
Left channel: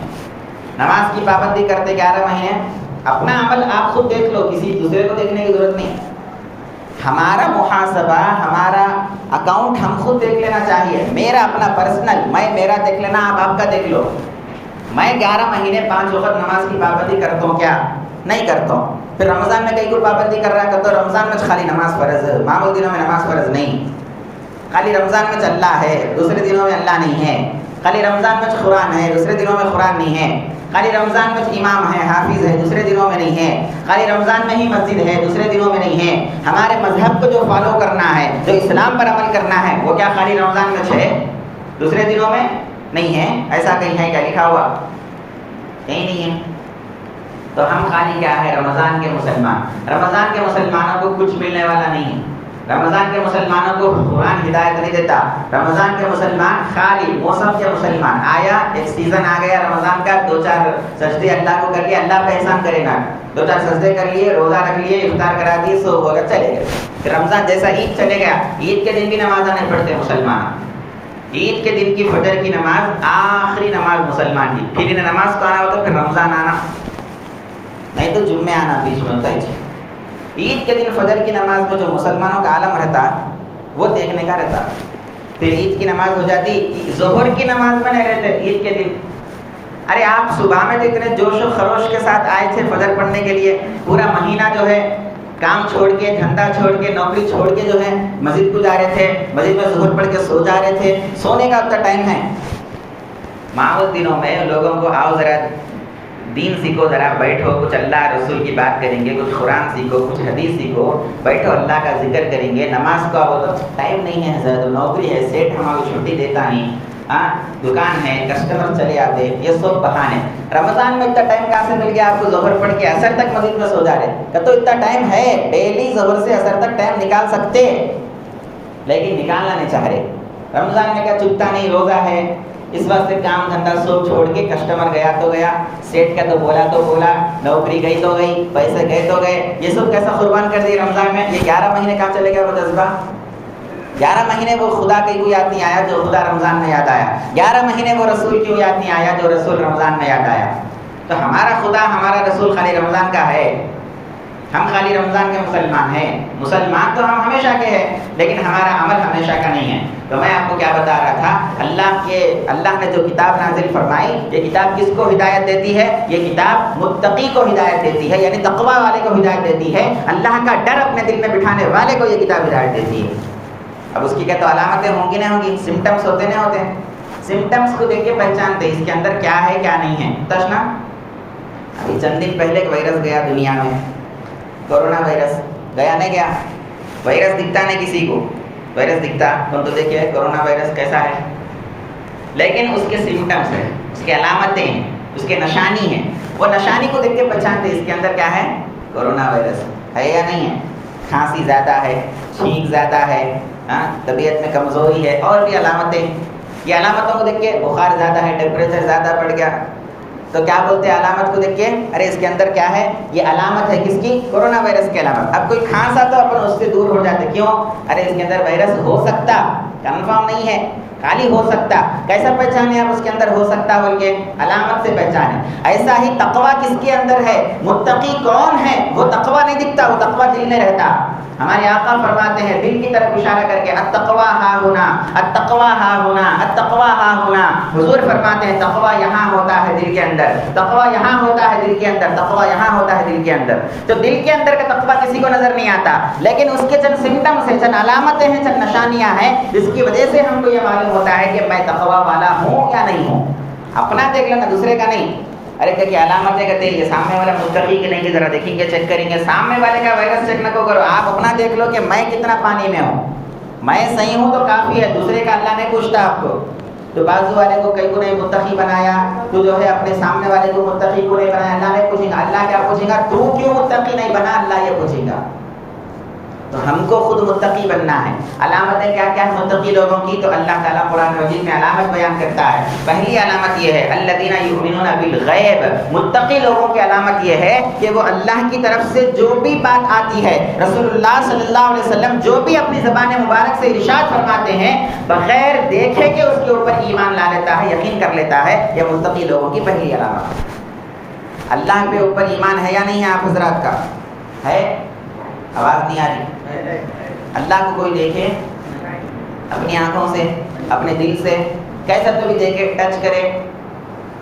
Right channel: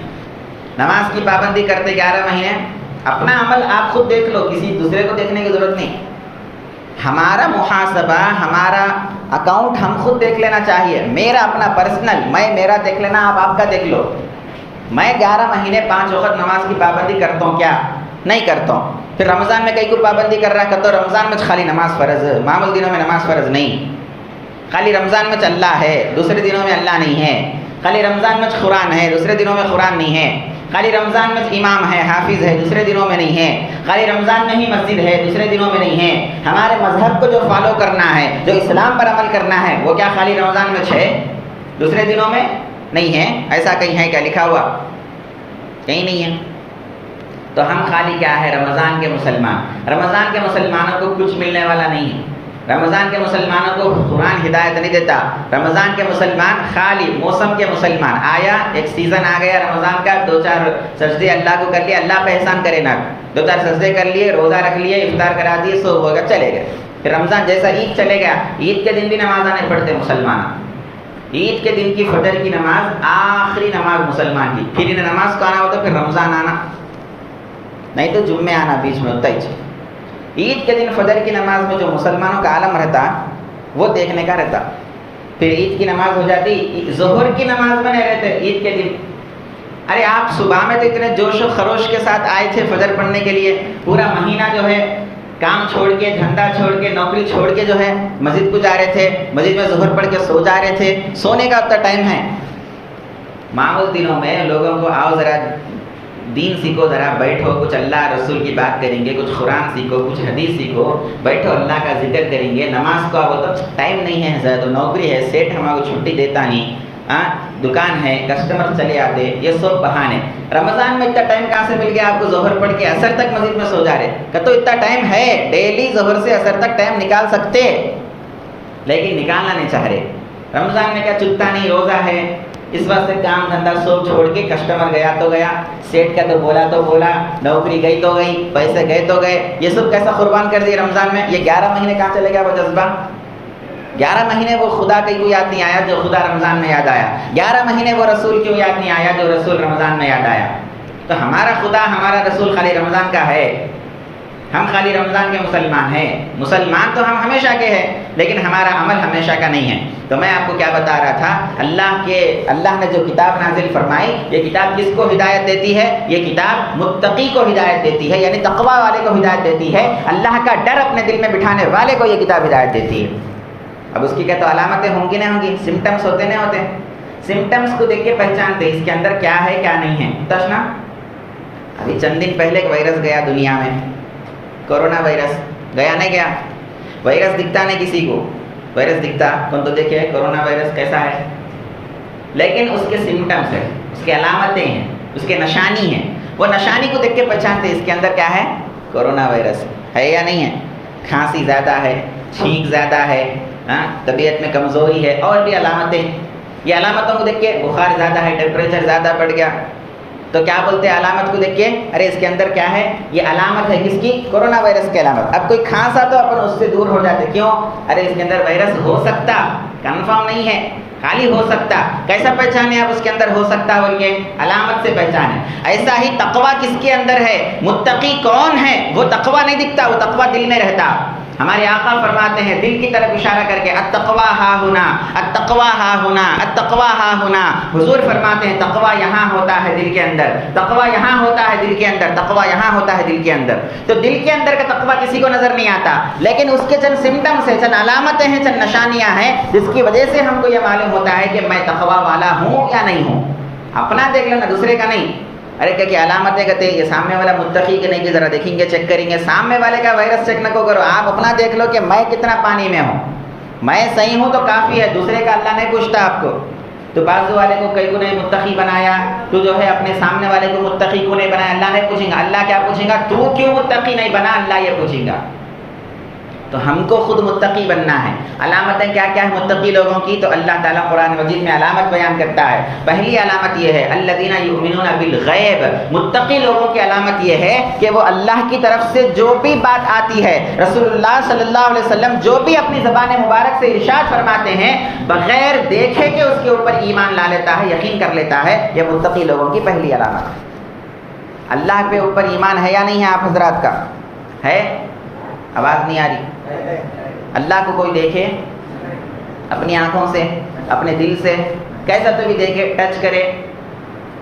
نماز کی پابندی کرتے 11 مہینے۔ اپنا عمل آپ خود دیکھ لو، کسی دوسرے کو دیکھنے کی ضرورت نہیں۔ ہمارا محاسبہ، ہمارا اکاؤنٹ ہم خود دیکھ لینا چاہیے۔ میرا اپنا پرسنل، میں میرا دیکھ لینا، آپ کا دیکھ لو۔ میں 11 مہینے 5 وقت نماز کی پابندی کرتا ہوں کیا؟ نہیں کرتا ہوں۔ پھر رمضان میں کئی کو پابندی کر رہا ہے، تو رمضان میں خالی نماز فرض ہے، معمول دنوں میں نماز فرض نہیں۔ خالی رمضان میں اللہ ہے، دوسرے دنوں میں اللہ نہیں ہے۔ خالی رمضان میں قرآن ہے، دوسرے دنوں میں قرآن نہیں ہے۔ خالی رمضان میں امام ہے، حافظ ہے، دوسرے دنوں میں نہیں ہے۔ خالی رمضان میں ہی مسجد ہے، دوسرے دنوں میں نہیں ہے۔ ہمارے مذہب کو جو فالو کرنا ہے، جو اسلام پر عمل کرنا ہے، وہ کیا خالی رمضان میں ہے، دوسرے دنوں میں نہیں ہے؟ ایسا کہیں ہے کیا لکھا ہوا؟ کہیں نہیں ہے۔ تو ہم خالی کیا ہے؟ رمضان کے مسلمان۔ رمضان کے مسلمانوں کو کچھ ملنے والا نہیں ہے۔ رمضان کے مسلمانوں کو قرآن ہدایت نہیں دیتا۔ رمضان کے مسلمان خالی موسم کے مسلمان، آیا ایک سیزن آ گیا رمضان کا، 2-4 سجدے اللہ کو کر لیے، اللہ پہ احسان کرے نا، 2-4 سجدے کر لیے، روزہ رکھ لیے، افطار کرا دیے، سو ہو گیا، چلے گئے۔ پھر رمضان جیسا عید چلے گیا، عید کے دن بھی نماز نہیں پڑھتے مسلمان۔ عید کے دن کی فجر کی نماز آخری نماز مسلمان کی، پھر انہیں نماز کو آنا ہوتا، پھر رمضان آنا، نہیں تو جمعے آنا بیچ میں ہوتا ہی۔ عید کے دن فجر کی نماز میں جو مسلمانوں کا عالم رہتا وہ دیکھنے کا رہتا۔ پھر عید کی نماز ہو جاتی، ظہر کی نماز میں نہیں رہتے عید کے دن۔ ارے آپ صبح میں تو اتنے جوش و خروش کے ساتھ آئے تھے فجر پڑھنے کے لیے، پورا مہینہ جو ہے کام چھوڑ کے، دھندا چھوڑ کے، نوکری چھوڑ کے جو ہے مسجد کو جا رہے تھے، مسجد میں ظہر پڑھ کے سو جا رہے تھے۔ سونے کا اتنا ٹائم ہے؟ معمول دنوں میں لوگوں کو آؤ ذرا دین سیکھو، ذرا بیٹھو، کچھ اللہ رسول کی بات کریں گے، کچھ قرآن سیکھو، کچھ حدیث سیکھو، بیٹھو اللہ کا ذکر کریں گے، نماز کو اب تو ٹائم نہیں ہے، زیادہ نوکری ہے، سیٹ ہمارا چھٹی دیتا نہیں، دکان ہے، کسٹمر چلے آتے، یہ سب بہانے۔ رمضان میں اتنا ٹائم کہاں سے مل گیا آپ کو؟ ظہر پڑھ کے اثر تک مسجد میں سو جا رہے، کہ تو اتنا ٹائم ہے، ڈیلی ظہر سے اثر تک ٹائم نکال سکتے، لیکن نکالنا نہیں چاہ رہے۔ رمضان میں کیا چکتا نہیں، روزہ ہے، اس واسطے کام دھندا سب چھوڑ کے، کسٹمر گیا تو گیا، سیٹ کا تو بولا، نوکری گئی تو گئی، پیسے گئے تو گئے، یہ سب کیسا قربان کر دیے رمضان میں؟ یہ 11 مہینے کہاں چلے گیا وہ جذبہ؟ 11 مہینے وہ خدا کا کیوں یاد نہیں آیا جو خدا رمضان میں یاد آیا؟ 11 مہینے وہ رسول کیوں یاد نہیں آیا جو رسول رمضان میں یاد آیا؟ تو ہمارا خدا، ہمارا رسول خالی رمضان کا ہے، ہم خالی رمضان کے مسلمان ہیں۔ مسلمان تو ہم ہمیشہ کے ہیں، لیکن ہمارا عمل ہمیشہ کا نہیں ہے۔ تو میں آپ کو کیا بتا رہا تھا، اللہ نے جو کتاب نازل فرمائی، یہ کتاب کس کو ہدایت دیتی ہے؟ یہ کتاب متقی کو ہدایت دیتی ہے، یعنی تقویٰ والے کو ہدایت دیتی ہے، اللہ کا ڈر اپنے دل میں بٹھانے والے کو یہ کتاب ہدایت دیتی ہے۔ اب اس کی کیا تو علامتیں ہوں گی نہیں ہوں گی، سمٹمس ہوتے نہیں ہوتے؟ سمٹمس کو دیکھ کے پہچانتے اس کے اندر کیا ہے کیا نہیں ہے۔ تشنا ابھی چند دن پہلے ایک وائرس گیا دنیا میں، کورونا وائرس گیا نہیں گیا؟ وائرس دکھتا نہیں کسی کو، وائرس دکھتا تم تو دیکھیے کورونا وائرس کیسا ہے، لیکن اس کے سمٹمس ہیں، اس کے علامتیں ہیں، اس کے نشانی ہیں، وہ نشانی کو دیکھ کے پہچانتے اس کے اندر کیا ہے، کورونا وائرس ہے یا نہیں ہے۔ کھانسی زیادہ ہے، چھینک زیادہ ہے، طبیعت میں کمزوری ہے، اور بھی علامتیں۔ یہ علامتوں کو دیکھ کے بخار زیادہ ہے، ٹیمپریچر زیادہ بڑھ گیا، تو کیا بولتے ہیں علامت کو دیکھ کے؟ ارے اس کے اندر کیا ہے؟ یہ علامت ہے کس کی؟ کورونا وائرس کی علامت۔ اب کوئی کھانسا تو اپن اس سے دور ہو جاتے، کیوں؟ ارے اس کے اندر وائرس ہو سکتا، کنفرم نہیں ہے، خالی ہو سکتا۔ کیسا پہچانے آپ اس کے اندر ہو سکتا بول کے؟ علامت سے پہچانے۔ ایسا ہی تقویٰ کس کے اندر ہے؟ متقی کون ہے؟ وہ تقویٰ نہیں دکھتا، وہ تقویٰ دل میں رہتا۔ ہمارے آقا فرماتے ہیں دل کی طرف اشارہ کر کے التقویٰ ہا ہونا، التقویٰ ہا ہونا، التقویٰ ہا ہونا. حضور فرماتے ہیں تقویٰ یہاں ہوتا ہے دل کے اندر، تقویٰ یہاں ہوتا ہے دل کے اندر، تقویٰ یہاں ہوتا ہے دل کے اندر. تو دل کے اندر کا تقویٰ کسی کو نظر نہیں آتا، لیکن اس کے چند سمٹمس ہیں، چند علامتیں ہیں، چند نشانیاں ہیں جس کی وجہ سے ہم کو یہ معلوم ہوتا ہے کہ میں تقویٰ والا ہوں یا نہیں ہوں. اپنا دیکھ لینا، دوسرے کا نہیں. ارے کیا علامتیں کہتے ہیں یہ سامنے والا متقی کہ نہیں، کہ ذرا دیکھیں گے، چیک کریں گے. سامنے والے کا وائرس چیک نہ کرو، آپ اپنا دیکھ لو کہ میں کتنا پانی میں ہوں. میں صحیح ہوں تو کافی ہے، دوسرے کا اللہ نہیں پوچھتا آپ کو. تو بازو والے کو کئی کو نے متقی بنایا، تو جو ہے اپنے سامنے والے کو متقی کو نہیں بنایا. اللہ نہیں پوچھیں گا. اللہ کیا پوچھیں گا؟ تو کیوں متقی نہیں بنا؟ اللہ یہ پوچھیں گا. تو ہم کو خود متقی بننا ہے. علامتیں کیا کیا ہے متقی لوگوں کی؟ تو اللہ تعالیٰ قرآن مجید میں علامت بیان کرتا ہے. پہلی علامت یہ ہے الذین یؤمنون بالغیب. متقی لوگوں کی علامت یہ ہے کہ وہ اللہ کی طرف سے جو بھی بات آتی ہے، رسول اللہ صلی اللہ علیہ وسلم جو بھی اپنی زبان مبارک سے ارشاد فرماتے ہیں، بغیر دیکھے کہ اس کے اوپر ایمان لا لیتا ہے، یقین کر لیتا ہے. یہ متقی لوگوں کی پہلی علامت ہے. اللہ کے اوپر ایمان ہے یا نہیں ہے آپ حضرات کا؟ ہے؟ آواز نہیں آ رہی. اللہ کو کوئی دیکھے اپنی آنکھوں سے، اپنے دل سے، کیسا تو بھی دیکھے، ٹچ کرے.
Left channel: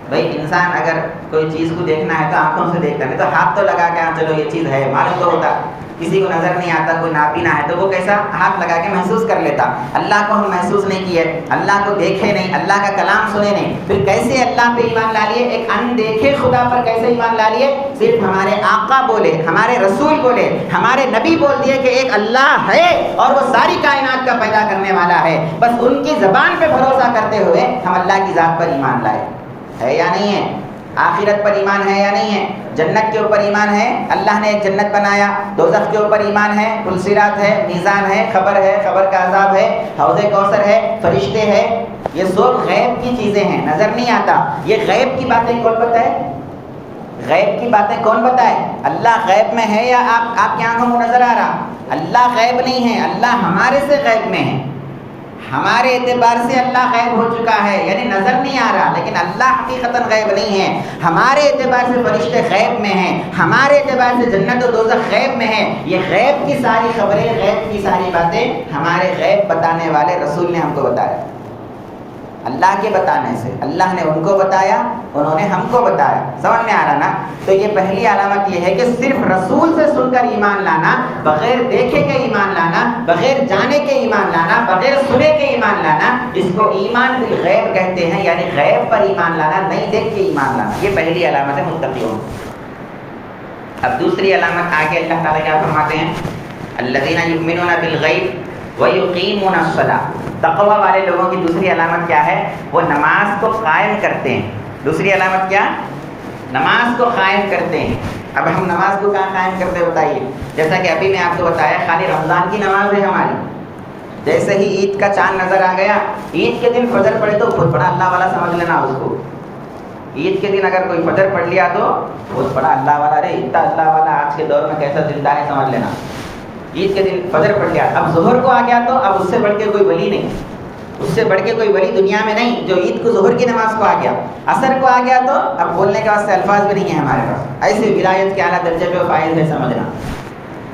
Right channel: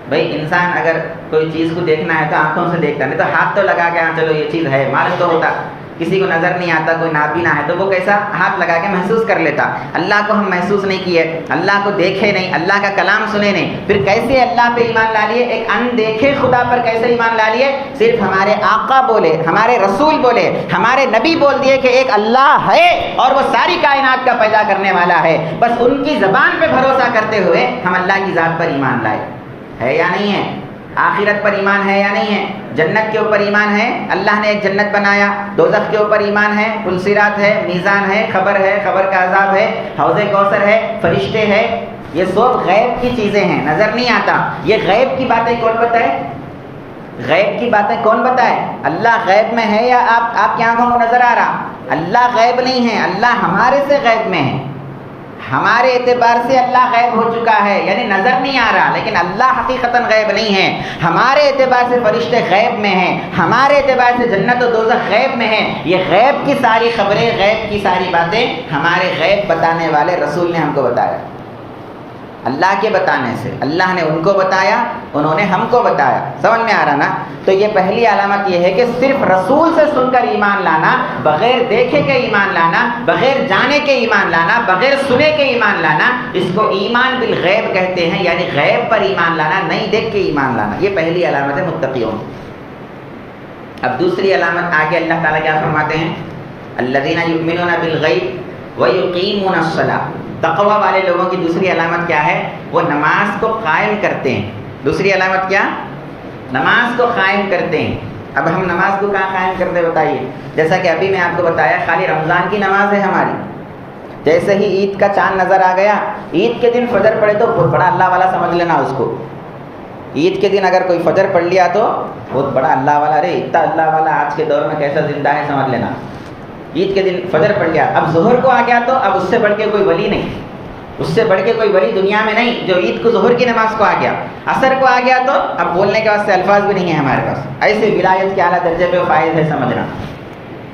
بھائی انسان اگر کوئی چیز کو دیکھنا ہے تو آنکھوں سے دیکھتا، نہیں تو ہاتھ تو لگا کے ہاں چلو یہ چیز ہے، معلوم تو ہوتا. کسی کو نظر نہیں آتا، کوئی نابینا ہے تو وہ کیسا ہاتھ لگا کے محسوس کر لیتا. اللہ کو ہم محسوس نہیں کیے، اللہ کو دیکھے نہیں، اللہ کا کلام سنے نہیں، پھر کیسے اللہ پہ ایمان لا لیے؟ ایک اندیکھے خدا پر کیسے ایمان لا لیے؟ صرف ہمارے آقا بولے، ہمارے رسول بولے، ہمارے نبی بول دیے کہ ایک اللہ ہے اور وہ ساری کائنات کا پیدا کرنے والا ہے. بس ان کی زبان پہ بھروسہ کرتے ہوئے ہم اللہ کی ذات پر ایمان لائے. ہے یا نہیں ہے؟ آخرت پر ایمان ہے یا نہیں ہے؟ جنت کے اوپر ایمان ہے، اللہ نے ایک جنت بنایا. دوزخ کے اوپر ایمان ہے، پل صراط ہے، میزان ہے، خبر کا عذاب ہے، حوض کوثر ہے، فرشتے ہیں. یہ سب غیب کی چیزیں ہیں، نظر نہیں آتا. یہ غیب کی باتیں کون بتائے؟ غیب کی باتیں کون بتائے؟ اللہ غیب میں ہے یا آپ کی آنکھوں کو نظر آ رہا؟ اللہ غیب نہیں ہے، اللہ ہمارے سے غیب میں ہے. ہمارے اعتبار سے اللہ غیب ہو چکا ہے، یعنی نظر نہیں آ رہا، لیکن اللہ حقیقتاً غیب نہیں ہے. ہمارے اعتبار سے فرشتے غیب میں ہیں، ہمارے اعتبار سے جنت و دوزخ غیب میں ہیں. یہ غیب کی ساری خبریں، غیب کی ساری باتیں ہمارے غیب بتانے والے رسول نے ہم کو بتایا. اللہ کے بتانے سے اللہ نے ان کو بتایا، انہوں نے ہم کو بتایا. سمجھ میں آ رہا نا؟ تو یہ پہلی علامت یہ ہے کہ صرف رسول سے سن کر ایمان لانا، بغیر دیکھے کے ایمان لانا، بغیر جانے کے ایمان لانا، بغیر سنے کے ایمان لانا، اس کو ایمان بالغیب کہتے ہیں. یعنی غیب پر ایمان لانا، نہیں دیکھ کے ایمان لانا. یہ پہلی علامت ہے متقیوں. اب دوسری علامت آگے اللہ تعالیٰ کیا فرماتے ہیں؟ الذین یؤمنون بالغیب ویقیمون الصلاۃ. تقوی والے لوگوں کی دوسری علامت کیا ہے؟ وہ نماز کو قائم کرتے ہیں. دوسری علامت کیا؟ نماز کو قائم کرتے ہیں. اب ہم نماز کو کہاں قائم کرتے بتائیے؟ جیسا کہ ابھی میں آپ کو بتایا خالی رمضان کی نماز ہے ہماری. جیسے ہی عید کا چاند نظر آ گیا، عید کے دن فجر پڑے تو بہت بڑا اللہ والا سمجھ لینا اس کو. عید کے دن اگر کوئی فجر پڑھ لیا تو بہت بڑا اللہ والا. ارے اتنا اللہ والا آج کے دور میں کیسا زندہ ہے سمجھ لینا. عید کے دن فجر پڑھ لیا، اب ظہر کو آ گیا تو اب اس سے بڑھ کے کوئی ولی نہیں، اس سے بڑھ کے کوئی ولی دنیا میں نہیں جو عید کو ظہر کی نماز کو آ گیا. عصر کو آ گیا تو اب بولنے کے واسطے الفاظ بھی نہیں ہے ہمارے پاس. ایسے ولایت کے اعلیٰ درجے پہ فائز ہے سمجھنا.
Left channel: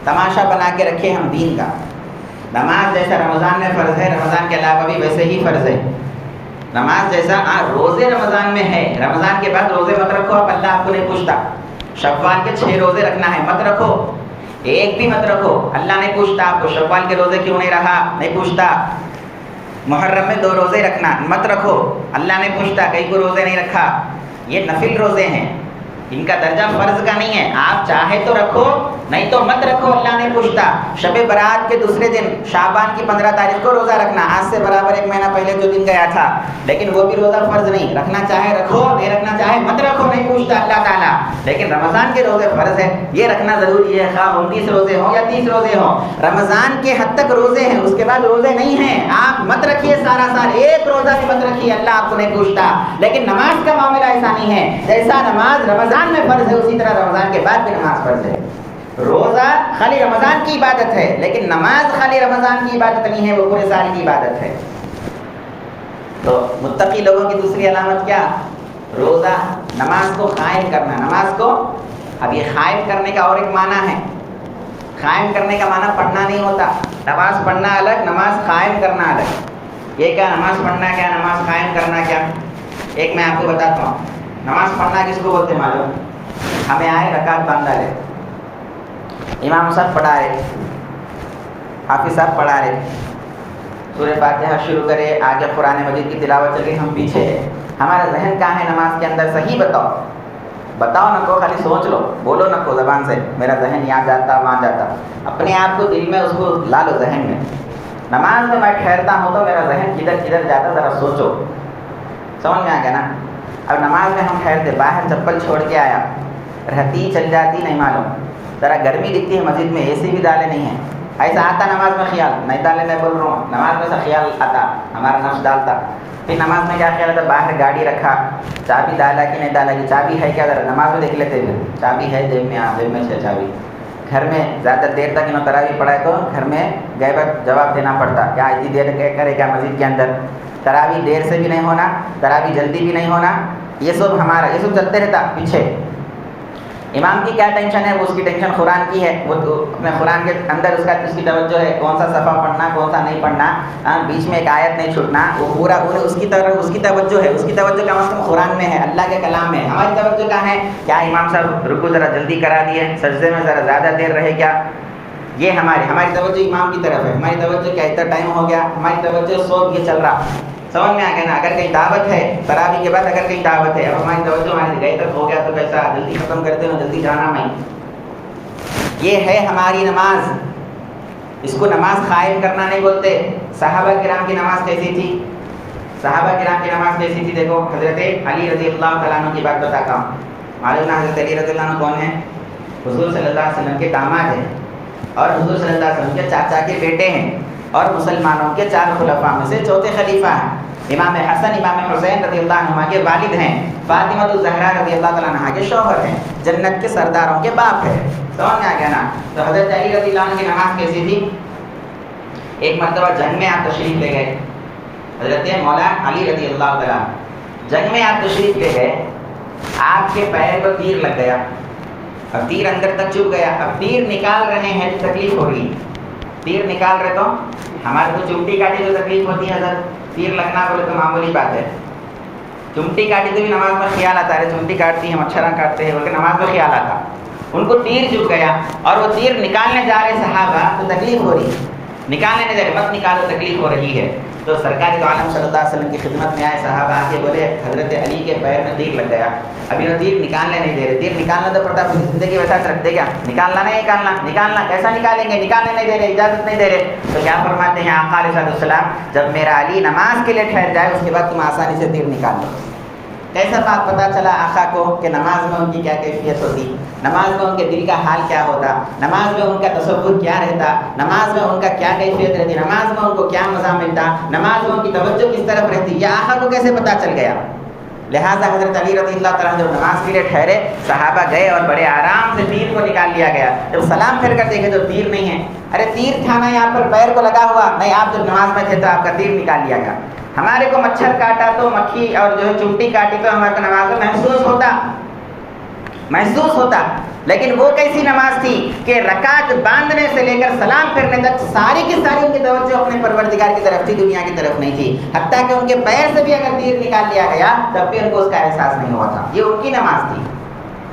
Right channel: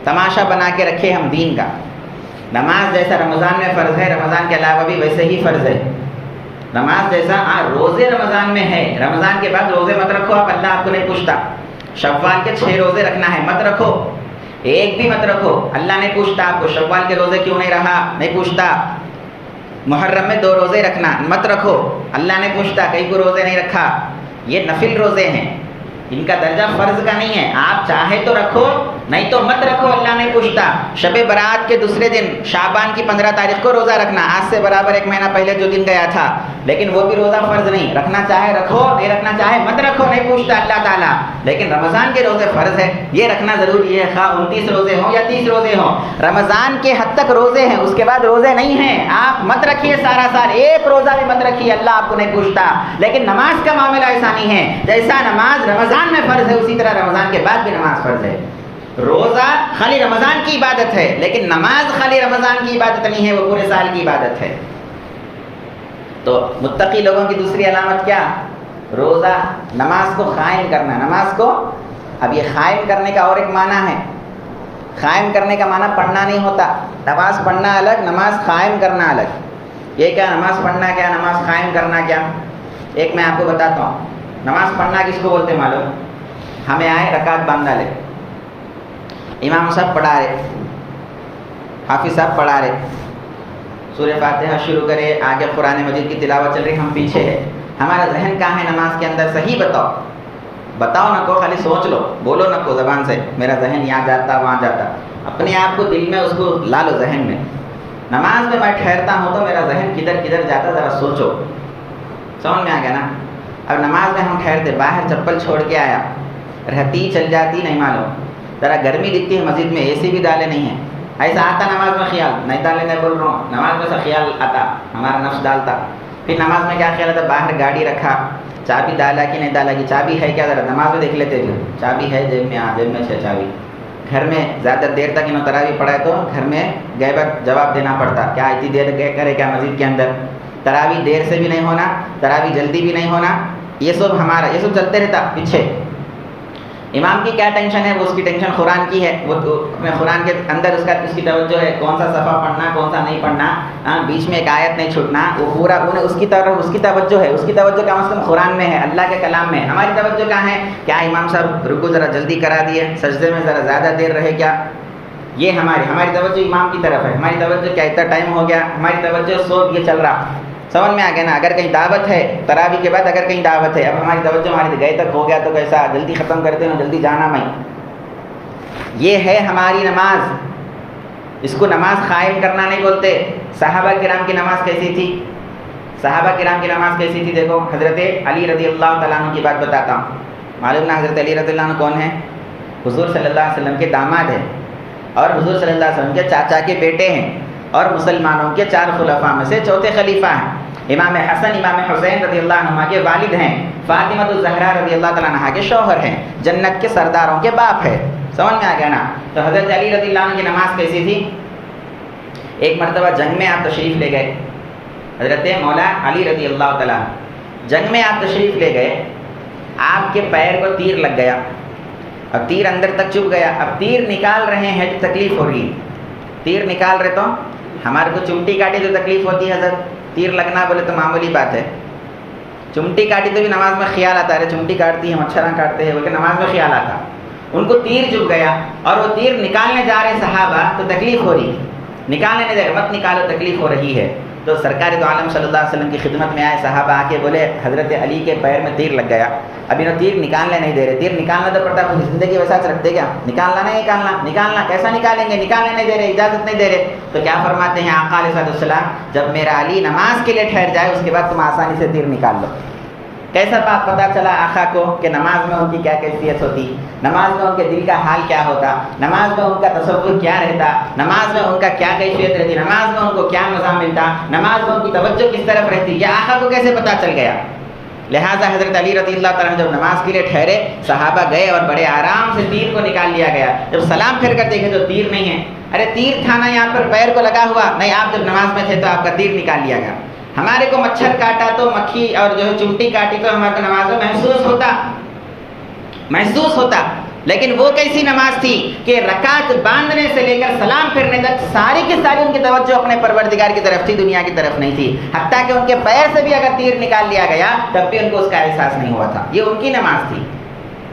تماشا بنا کے رکھے ہم دین کا. نماز جیسا رمضان میں فرض ہے، رمضان کے علاوہ بھی ویسے ہی فرض ہے. نماز جیسا روزے رمضان میں ہے، رمضان کے بعد روزے مت رکھو. اب اللہ آپ کو نہیں پوچھتا. شوال کے 6 روزے رکھنا ہے، مت رکھو. ایک بھی مت رکھو، اللہ نہیں پوچھتا آپ کو شوال کے روزے کیوں نہیں رہا، نہیں پوچھتا. محرم میں 2 روزے رکھنا، مت رکھو، اللہ نے پوچھتا کئی کو روزے نہیں رکھا. یہ نفل روزے ہیں، ان کا درجہ فرض کا نہیں ہے. آپ چاہے تو رکھو، نہیں تو مت رکھو، اللہ نہیں پوچھتا. شب برات کے دوسرے دن شعبان کی 15 تاریخ کو روزہ رکھنا، آج سے برابر 1 مہینہ پہلے جو دن گیا تھا، لیکن وہ بھی روزہ فرض نہیں. رکھنا چاہے رکھو، نہیں رکھنا چاہے مت رکھو، نہیں پوچھتا اللہ تعالیٰ. لیکن رمضان کے روزے فرض ہے، یہ رکھنا ضروری ہے، خواہ 29 روزے ہوں یا 30 روزے ہوں. رمضان کے حد تک روزے ہیں، اس کے بعد روزے نہیں ہیں. آپ مت رکھیے سارا سال، ایک روزہ بھی مت رکھیے، اللہ آپ کو نہیں پوچھتا. لیکن نماز کا معاملہ ایسا نہیں ہے. جیسا نماز رمضان میں فرض ہے، اسی طرح رمضان کے بعد بھی نماز فرض ہے. روزہ خالی رمضان کی عبادت ہے، لیکن نماز خالی رمضان کی عبادت نہیں ہے، وہ پورے سال کی عبادت ہے. تو متقی لوگوں کی دوسری علامت کیا؟ روزہ، نماز کو قائم کرنا. نماز کو اب یہ قائم کرنے کا اور ایک معنی ہے. قائم کرنے کا معنی پڑھنا نہیں ہوتا. نماز پڑھنا الگ، نماز قائم کرنا الگ. یہ کیا نماز پڑھنا کیا، نماز قائم کرنا کیا؟ ایک میں آپ کو بتاتا ہوں. نماز پڑھنا کس کو بولتے معلوم؟ ہمیں آئے رکعت باندھ ڈالے، امام صاحب پڑھا رہے، حافظ صاحب پڑھا رہے، سورہ فاتحہ شروع کرے، آگے قرآن مجید کی تلاوت چل رہی، ہم پیچھے ہیں. ہمارا ذہن کہاں ہے نماز کے اندر؟ صحیح بتاؤ، بتاؤ نہ کو، خالی سوچ لو، بولو نہ کو زبان سے میرا ذہن یہاں جاتا وہاں جاتا. اپنے آپ کو دل میں اس کو لا لو ذہن میں. نماز میں ٹھہرتا ہوں تو میرا ذہن کدھر کدھر جاتا، ذرا سوچو. سمجھ میں آ گیا نا؟ اب نماز میں ہم ٹھہرتے، باہر چپل چھوڑ کے آیا، رہتی چل جاتی نہیں معلوم، ذرا گرمی دکھتی ہے مسجد میں، اے سی بھی ڈالے نہیں ہیں، ایسا آتا نماز میں خیال، نہیں ڈالے نہیں بول رہا ہوں، نماز میں سے خیال آتا، ہمارا نفس ڈالتا. پھر نماز میں کیا خیال آتا؟ باہر گاڑی رکھا، چابی ڈالا کہ نہیں ڈالا، کہ چابی ہے کیا، ذرا نماز میں دیکھ لیتے ہیں، چابی ہے جیب میں، ہاں جیب میں سے چابی. گھر میں زیادہ دیر تک انہوں تراویح پڑھائے تو گھر میں گئے وقت جواب دینا پڑتا، کیا اتنی دیر کرے کیا مسجد کے اندر. تراویح دیر سے بھی نہیں ہونا، تراویح جلدی بھی نہیں ہونا، یہ سب ہمارا، یہ سب چلتے رہتا پیچھے. امام کی کیا ٹینشن ہے؟ وہ اس کی ٹینشن قرآن کی ہے، وہ قرآن کے اندر اس کی توجہ ہے، کون سا صفحہ پڑھنا کون سا نہیں پڑھنا، بیچ میں ایک آیت نہیں چھوٹنا، وہ پورا اس کی طرف اس کی توجہ ہے. اس کی توجہ کم از کم قرآن میں ہے، اللہ کے کلام میں. ہماری توجہ کہاں ہے؟ کیا امام صاحب رکوع ذرا جلدی کرا دیے، سجدے میں ذرا زیادہ دیر رہے کیا. یہ ہماری توجہ امام کی طرف ہے. ہماری توجہ کیا اتنا ٹائم ہو گیا، ہماری توجہ سب یہ چل رہا. سمجھ میں آ گیا نا؟ اگر کہیں دعوت ہے، تراویح کے بعد اگر کہیں دعوت ہے، اب ہماری توجہ ہماری گئے تک ہو گیا تو کیسا جلدی ختم کرتے ہیں، جلدی جانا میں. یہ ہے ہماری نماز. اس کو نماز قائم کرنا نہیں بولتے. صحابہ کرام کی نماز کیسی تھی؟ صحابہ کرام کی نماز کیسی تھی؟ دیکھو، حضرت علی رضی اللہ تعالیٰ عنہ کی بات بتاتا ہوں. معلوم نا حضرت علی رضی اللہ عنہ کون ہے؟ حضور صلی اللہ علیہ وسلم کے داماد ہیں، اور حضور صلی اللہ علیہ وسلم کے چاچا کے بیٹے ہیں، اور مسلمانوں کے 4 خلفاء میں سے چوتھے خلیفہ ہیں. امام حسن امام حسین رضی اللہ عنہ کے والد ہیں، فاطمہ الزہرا رضی اللہ تعالیٰ عنہ کے شوہر ہیں، جنت کے سرداروں کے باپ ہیں. سمجھ میں آ گیا نا؟ تو حضرت علی رضی اللہ عنہ کی نماز کیسی تھی؟ ایک مرتبہ جنگ میں آپ تشریف لے گئے، حضرت مولا علی رضی اللہ تعالیٰ جنگ میں آپ تشریف لے گئے، آپ کے پیر کو تیر لگ گیا، اب تیر اندر تک چبھ گیا. اب تیر نکال رہے ہیں تو تکلیف ہو رہی. تیر نکال رہے تو ہمارے کو چمٹی کاٹی تو تکلیف ہوتی ہے حضرت. تیر لگنا بولے تو معمولی بات ہے. چمٹی کاٹی تو بھی نماز میں خیال آتا ہے، چمٹی کاٹتی ہیں، مچھراں کاٹتے ہیں بول کے نماز میں خیال آتا. ان کو تیر چبھ گیا اور وہ تیر نکالنے جا رہے صحابہ تو تکلیف ہو رہی. نکالنے نہیں دے، مت نکالو، تکلیف ہو رہی ہے. تو سرکار دو عالم صلی اللہ علیہ وسلم کی خدمت میں آئے صحابہ، آ کے بولے حضرت علی کے پیر میں تیر لگ گیا، ابھی وہ تیر نکالنے نہیں دے رہے. تیر نکالنا تو پڑتا، پوری زندگی ویسا رکھتے کیا؟ نکالنا نہیں نکالنا، نکالنا کیسا نکالیں گے؟ نکالنے نہیں دے رہے، اجازت نہیں دے رہے. تو کیا فرماتے ہیں آقا علیہ السلام؟ جب میرا علی نماز کے لیے ٹھہر جائے اس کے بعد تم آسانی سے تیر نکال لو. کیسا بات پتا چلا آقا کو کہ نماز میں ان کی کیا کیفیت ہوتی، نماز میں ان کے دل کا حال کیا ہوتا، نماز میں ان کا تصور کیا رہتا، نماز میں ان کا کیا کیفیت رہتی، نماز میں ان کو کیا مزہ ملتا، نماز میں ان کی توجہ کس طرف رہتی. یہ آقا کو کیسے پتا چل گیا؟ لہٰذا حضرت علی رضی اللہ تعالیٰ جب نماز کے لیے ٹھہرے، صحابہ گئے اور بڑے آرام سے تیر کو نکال لیا گیا. جب سلام پھیر کر دیکھے تو تیر نہیں ہے. ارے تیر تھا نا یہاں پر پیر کو لگا ہوا، نہیں آپ جب نماز میں تھے تو آپ کا تیر نکال لیا گیا. ہمارے کو مچھر کاٹا تو مکھی اور جو ہے چمٹی کاٹی تو ہمارے کو نماز میں محسوس ہوتا. لیکن وہ کیسی نماز تھی کہ رکعت باندھنے سے لے کر سلام پھیرنے تک ساری کی ساری ان کی توجہ اپنے پروردگار کی طرف تھی، دنیا کی طرف نہیں تھی. حتیٰ کہ ان کے پیر سے بھی اگر تیر نکال لیا گیا تب بھی ان کو اس کا احساس نہیں ہوا تھا. یہ ان کی نماز تھی.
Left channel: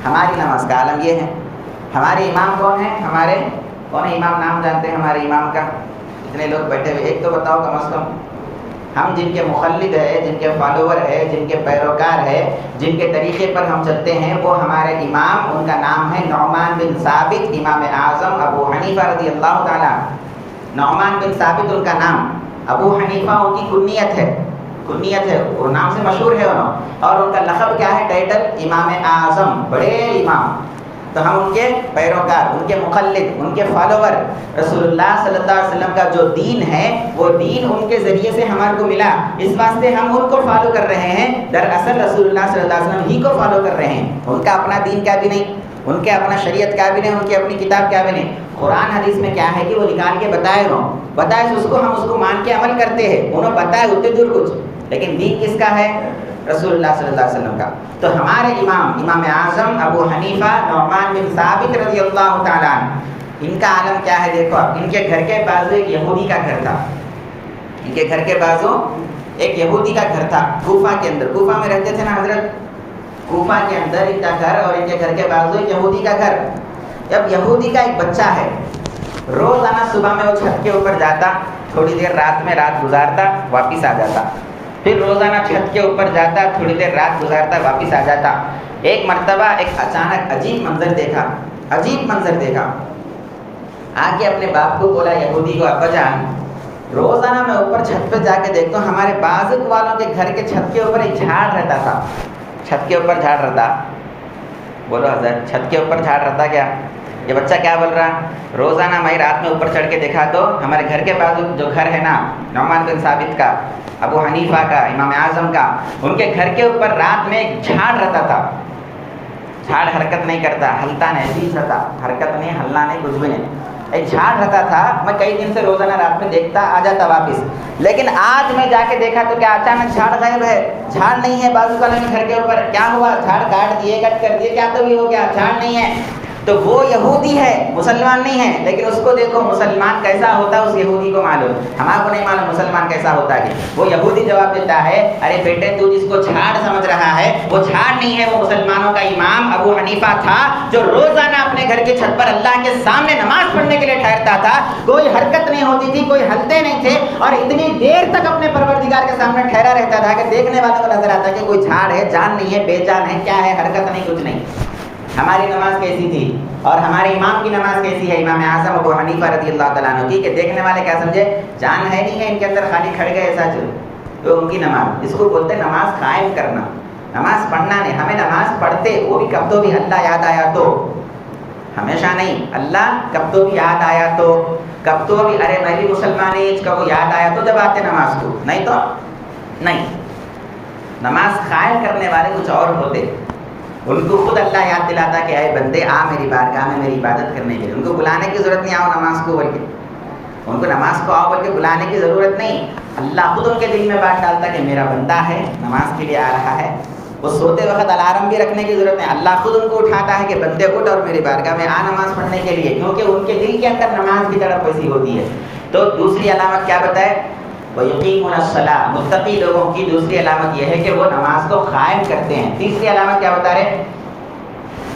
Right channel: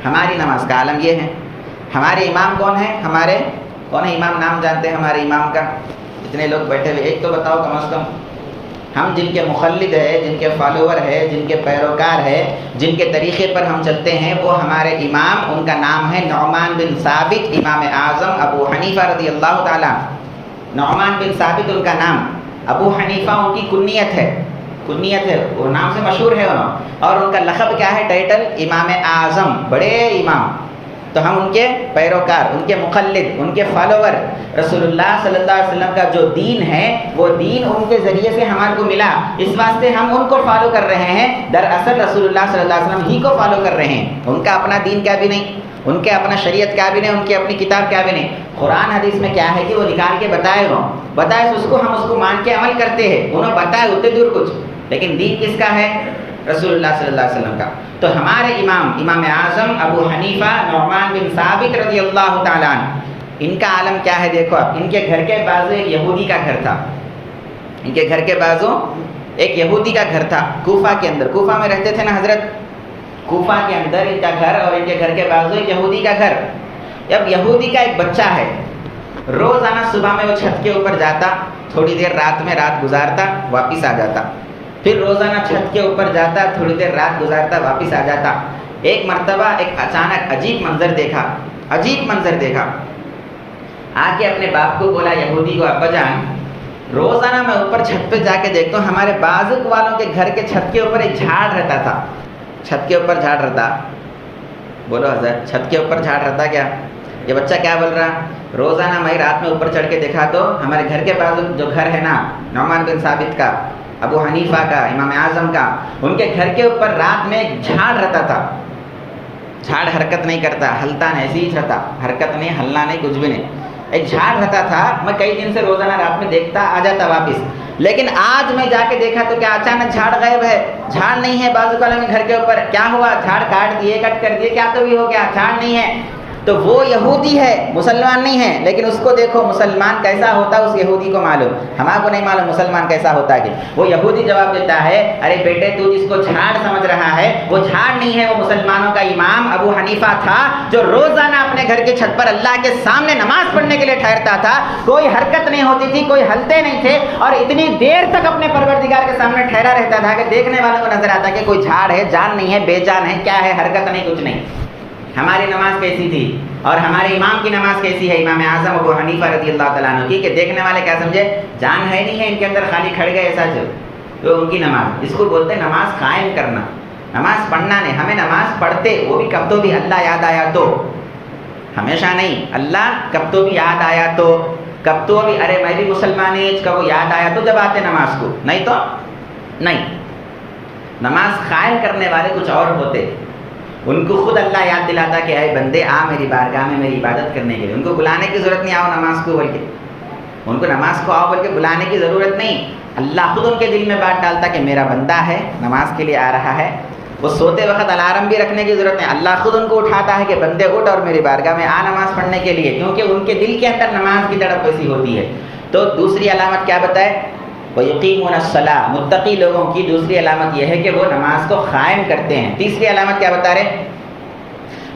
ہماری نماز کا عالم یہ ہے. ہمارے امام کون ہیں؟ ہمارے کون ہے امام؟ نام جانتے ہیں ہمارے امام کا؟ اتنے لوگ بیٹھے ہوئے، ایک تو بتاؤ کم از کم. ہم جن کے مخلد ہے، جن کے فالوور ہے، جن کے پیروکار ہے، جن کے طریقے پر ہم چلتے ہیں، وہ ہمارے امام، ان کا نام ہے نعمان بن ثابت امام اعظم ابو حنیفہ رضی اللہ تعالیٰ. نعمان بن ثابت ان کا نام، ابو حنیفہ ان کی کنیت ہے، وہ نام سے مشہور ہے انہوں. اور ان کا لقب کیا ہے؟ ٹائٹل امام اعظم، بڑے امام. تو ہم ان کے پیروکار، ان کے مقلد، ان کے فالوور. رسول اللہ صلی اللہ علیہ وسلم کا جو دین ہے وہ دین ان کے ذریعے سے ہمارے کو ملا، اس واسطے ہم ان کو فالو کر رہے ہیں. دراصل رسول اللہ صلی اللہ علیہ وسلم ہی کو فالو کر رہے ہیں. ان کا اپنا دین کیا بھی نہیں، ان کے اپنا شریعت کیا بھی نہیں، ان کی اپنی کتاب کیا بھی نہیں. قرآن حدیث میں کیا ہے کہ وہ نکال کے بتائے اس کو ہم اس کو مان کے عمل کرتے ہیں. انہوں بتائے اتنے دور کچھ، لیکن دین کس کا ہے؟ رسول اللہ صلی اللہ علیہ وسلم کا. تو ہمارے امام اعظم ابو حنیفہ نعمان بن ثابت رضی اللہ تعالیٰ عنہ، ان کا عالم کیا ہے دیکھو آپ. ان کے گھر کے بازو ایک یہودی کا گھر تھا. ان کے گھر کے بازو ایک یہودی کا گھر تھا کوفہ کے اندر. کوفہ میں رہتے تھے نا حضرت, کوفہ کے اندر ان کا گھر اور ان کے گھر کے بازو ایک یہودی کا گھر. اب یہودی کا ایک بچہ ہے, روزانہ صبح میں وہ چھت کے اوپر جاتا, تھوڑی دیر رات میں رات گزارتا, واپس آ جاتا. پھر روزانہ چھت کے اوپر جاتا, تھوڑی دیر رات گزارتا, واپس آ جاتا. ایک مرتبہ ایک اچانک عجیب منظر دیکھا, عجیب منظر دیکھا. آ کے اپنے باپ کو بولا, یہودی کو, ابا جان روزانہ میں اوپر چھت پہ جا کے دیکھتا ہوں, ہمارے بازو والوں کے گھر کے چھت کے اوپر ایک جھاڑ رہتا تھا. چھت کے اوپر جھاڑ رہتا. بولو حضرت چھت کے اوپر جھاڑ رہتا کیا؟ یہ بچہ کیا بول رہا, روزانہ میں رات میں اوپر چڑھ کے دیکھا تو ہمارے گھر کے بازو جو گھر ہے نا, نعمان بن ثابت کا, ابو حنیفہ کا, امام اعظم کا, ان کے گھر کے اوپر رات میں ایک جھاڑ رہتا تھا. جھاڑ حرکت نہیں کرتا, ہلتا نہیں, ایسے ہی رہتا, حرکت نہیں, ہلنا نہیں, کچھ بھی نہیں. ایک جھاڑ رہتا تھا. میں کئی دن سے روزانہ رات میں دیکھتا, آ جاتا واپس. لیکن آج میں جا کے دیکھا تو کیا اچانک جھاڑ غائب ہے, جھاڑ نہیں ہے بازو والے گھر کے اوپر. کیا ہوا؟ جھاڑ کاٹ دیے, کٹ کر دیے, کیا تو بھی ہو گیا, جھاڑ نہیں ہے. تو وہ یہودی ہے, مسلمان نہیں ہے, لیکن اس کو دیکھو مسلمان کیسا ہوتا ہے اس یہودی کو معلوم. ہمارے کو نہیں معلوم مسلمان کیسا ہوتا ہے. وہ یہودی جواب دیتا ہے, ارے بیٹے تو جس کو جھاڑ سمجھ رہا ہے وہ جھاڑ نہیں ہے, وہ مسلمانوں کا امام ابو حنیفہ تھا جو روزانہ اپنے گھر کے چھت پر اللہ کے سامنے نماز پڑھنے کے لیے ٹھہرتا تھا. کوئی حرکت نہیں ہوتی تھی, کوئی ہلتے نہیں تھے, اور اتنی دیر تک اپنے پروردگار کے سامنے ٹھہرا رہتا تھا کہ دیکھنے والوں کو نظر آتا کہ کوئی جھاڑ ہے, جان نہیں ہے, بے جان ہے, کیا ہے, حرکت نہیں, کچھ نہیں. ہماری نماز کیسی تھی اور ہمارے امام کی نماز کیسی ہے, امام اعظم ابو حنیفہ رضی اللہ تعالیٰ عنہ کی, کہ دیکھنے والے کیا سمجھے, جان ہے نہیں ہے ان کے اندر, خالی کھڑ گئے ایسا جو. تو ان کی نماز, اس کو بولتے ہیں نماز قائم کرنا, نماز پڑھنا نہیں. ہمیں نماز پڑھتے وہ بھی کب تو بھی اللہ یاد آیا تو, ہمیشہ نہیں, اللہ کب تو بھی یاد آیا تو, کب تو بھی ارے میں بھی مسلمان ایج کا وہ یاد آیا تو جب آتے نماز کو, نہیں تو نہیں. نماز قائم کرنے والے کچھ اور ہوتے, ان کو خود اللہ یاد دلاتا کہ اے بندے آ میری بارگاہ میں میری عبادت کرنے کے لیے. ان کو بلانے کی ضرورت نہیں, آؤ نماز کو بول کے, ان کو نماز کو آؤ بول کے بلانے کی ضرورت نہیں. اللہ خود ان کے دل میں بات ڈالتا کہ میرا بندہ ہے, نماز کے لیے آ رہا ہے. وہ سوتے وقت الارم بھی رکھنے کی ضرورت نہیں, اللہ خود ان کو اٹھاتا ہے کہ بندے اٹھ اور میری بارگاہ میں آ نماز پڑھنے کے لیے, کیونکہ ان کے دل کے اندر نماز کی طرف ویسی ہوتی ہے. تو دوسری علامت کیا بتائے, وَيُقِيمُونَ الصَّلَاةَ, متقی لوگوں کی دوسری علامت یہ ہے کہ وہ نماز کو قائم کرتے ہیں. تیسری علامت کیا بتا رہے,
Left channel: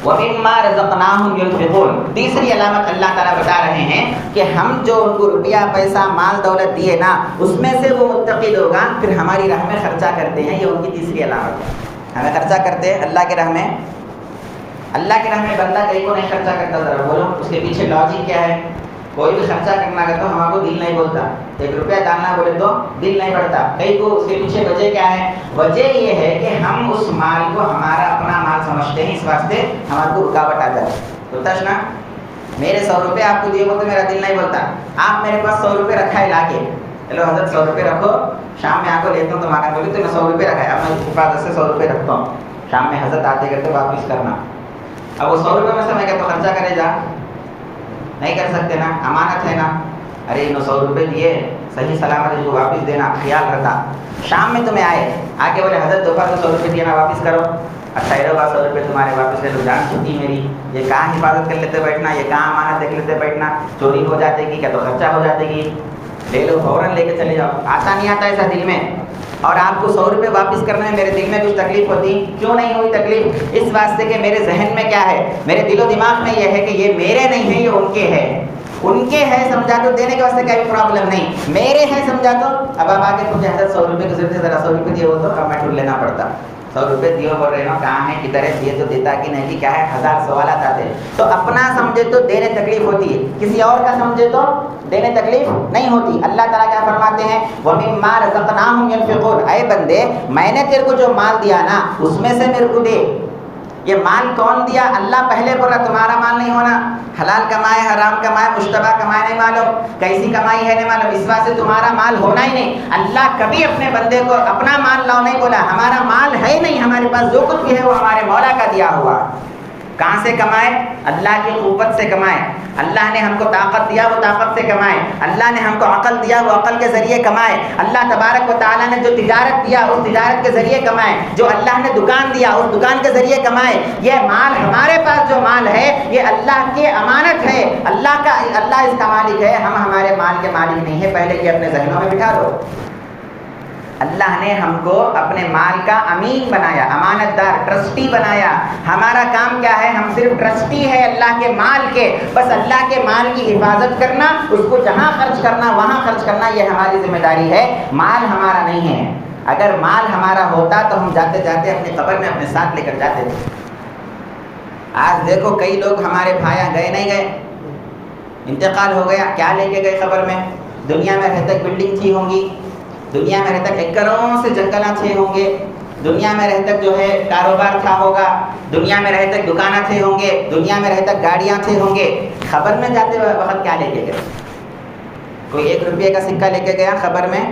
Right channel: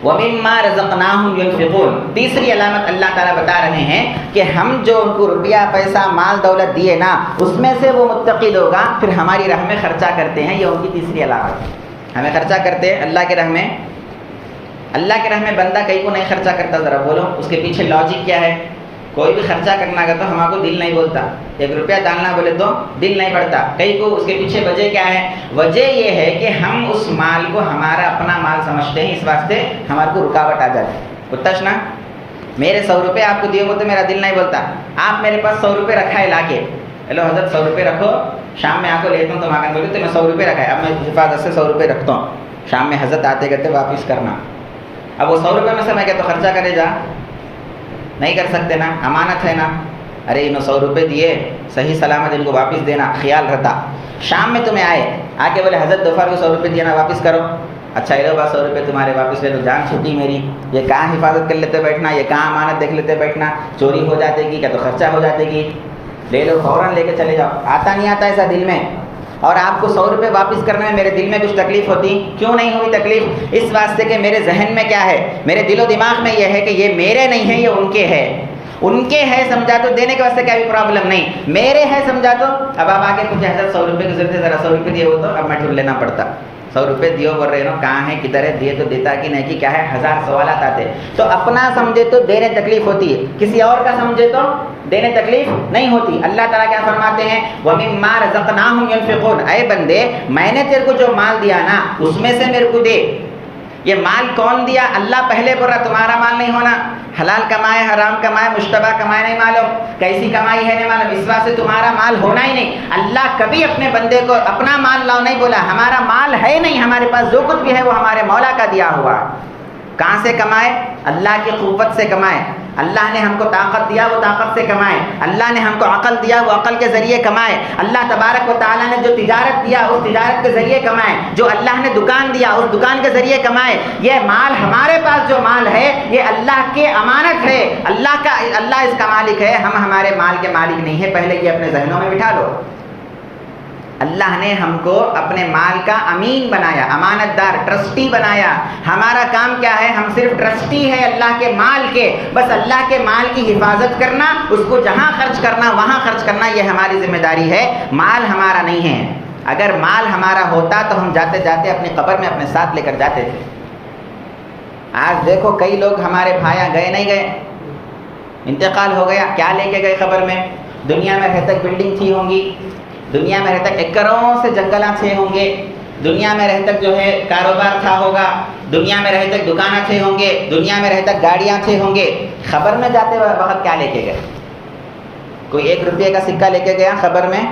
وَمِمَّا رَزَقْنَاهُمْ يُنْفِقُونَ. تیسری علامت اللہ تعالیٰ بتا رہے ہیں کہ ہم جو ان کو روپیہ پیسہ مال دولت دیے نا, اس میں سے وہ متقی لوگ پھر ہماری راہ میں خرچہ کرتے ہیں. یہ ان کی تیسری علامت. ہمیں خرچہ کرتے ہیں اللہ کے راہ میں. اللہ کے راہ میں بندہ کہیں کو نہیں خرچہ کرتا, ذرا بولو اس کے پیچھے لاجک کیا ہے. کوئی بھی خرچہ کرنا کا تو ہمارے کو دل نہیں بولتا, 1 روپیہ ڈالنا بولے تو دل نہیں بڑھتا. کئی کو اس کے پیچھے وجہ کیا ہے, وجہ یہ ہے کہ ہم اس مال کو ہمارا اپنا مال سمجھتے ہیں, اس واسطے ہمارے کو رکاوٹ آ جاتی ہے. بتاش نا, میرے 100 روپے آپ کو دیے ہو تو میرا دل نہیں بولتا. آپ میرے پاس 100 روپے رکھا ہے لا کے, ہیلو حضرت 100 روپے رکھو, شام میں آ کو لیتا ہوں تو ماں بولے تو میں 100 روپے رکھا ہے, اب میں حفاظت سے 100 روپے رکھتا ہوں, شام میں حضرت آتے کرتے واپس کرنا. اب وہ 100 روپے میں سے میں کیا تو خرچہ کرے جا, نہیں کر سکتے نا, امانت ہے نا. ارے انہوں 100 روپے دیے, صحیح سلامت ان کو واپس دینا, خیال رہتا. شام میں تمہیں آئے آ کے بولے حضرت دفعہ کو 100 روپے دیا نا, واپس کرو. اچھا یہ لو بات 100 روپے تمہارے واپس لے لو, جان چھٹی میری. یہ کہاں حفاظت کر لیتے بیٹھنا, یہ کہاں امانت دیکھ لیتے بیٹھنا, چوری ہو جاتے گی, کیا تو خرچہ ہو جاتے گی, لے لو فوراً لے کے چلے جاؤ. آتا نہیں آتا ایسا دل میں. اور آپ کو 100 روپے واپس کرنے میں میرے دل میں کچھ تکلیف ہوتی, کیوں نہیں ہوئی تکلیف, اس واسطے کہ میرے ذہن میں کیا ہے, میرے دل و دماغ میں یہ ہے کہ یہ میرے نہیں ہیں, یہ ان کے ہے. ان کے ہے سمجھا تو دینے کے واسطے کیا بھی پرابلم نہیں, میرے ہے سمجھا تو اب آپ آگے کچھ ایسا 100 روپے کی ضرورت ہے, ذرا 100 روپے دیے ہو تو اب میں ٹھول لینا پڑتا. 100 روپے دیو بول رہے نا, کہاں ہے, کدھر ہے, دیے تو دیتا کہ نہیں, کہ کیا ہے, 1000 سوالات آتے. تو اپنا سمجھے تو دینے تکلیف ہوتی ہے, کسی اور کا سمجھے تو دینے تکلیف نہیں ہوتی. اللہ تعالیٰ کیا فرماتے ہیں, وَمِمَّا رَزَقْنَاهُمْ يُنْفِقُونَ. اے بندے میں نے تیرے کو جو مال دیا نا اس میں سے میرے کو دے. یہ مال کون دیا, اللہ پہلے بول رہا تمہارا مال نہیں ہونا, حلال کمائے حرام کمائے مشتبہ کمائے نہیں معلوم, کیسی کمائی ہے نہیں معلوم, اس واسطے تمہارا مال ہونا ہی نہیں. اللہ کبھی اپنے بندے کو اپنا مال لاؤ نہیں بولا, ہمارا مال ہے نہیں, ہمارے پاس جو کچھ بھی ہے وہ ہمارے مولا کا دیا ہوا. کہاں سے کمائے؟ اللہ کی قوت سے کمائے. اللہ نے ہم کو طاقت دیا، وہ طاقت سے کمائے. اللہ نے ہم کو عقل دیا، وہ عقل کے ذریعے کمائے. اللہ تبارک و تعالیٰ نے جو تجارت دیا، اس تجارت کے ذریعے کمائے. جو اللہ نے دکان دیا، اس دکان کے ذریعے کمائے. یہ مال، ہمارے پاس جو مال ہے، یہ اللہ کی امانت ہے. اللہ اس کا مالک ہے، ہم ہمارے مال کے مالک نہیں ہیں. پہلے یہ اپنے ذہنوں میں بٹھا لو. اللہ نے ہم کو اپنے مال کا امین بنایا، امانت دار، ٹرسٹی بنایا. ہمارا کام کیا ہے؟ ہم صرف ٹرسٹی ہے اللہ کے مال کے. بس اللہ کے مال کی حفاظت کرنا، اس کو جہاں خرچ کرنا وہاں خرچ کرنا، یہ ہماری ذمہ داری ہے. مال ہمارا نہیں ہے. اگر مال ہمارا ہوتا تو ہم جاتے جاتے اپنی قبر میں اپنے ساتھ لے کر جاتے تھے. آج دیکھو کئی لوگ ہمارے بھایا گئے نہیں گئے، انتقال ہو گیا، کیا لے کے گئے قبر میں؟ دنیا میں رہتے بلڈنگ تھی ہوں گی، دنیا میں رہتے ایکڑوں سے جنگلات تھے ہوں گے، دنیا میں رہتے جو ہے کاروبار تھا ہوگا، دنیا میں رہتے دکانیں تھے ہوں گے، دنیا میں رہتے گاڑیاں تھے ہوں گے. خبر میں جاتے وقت کیا لے کے گئے؟ کوئی 1 روپے کا سکہ لے کے گیا خبر میں؟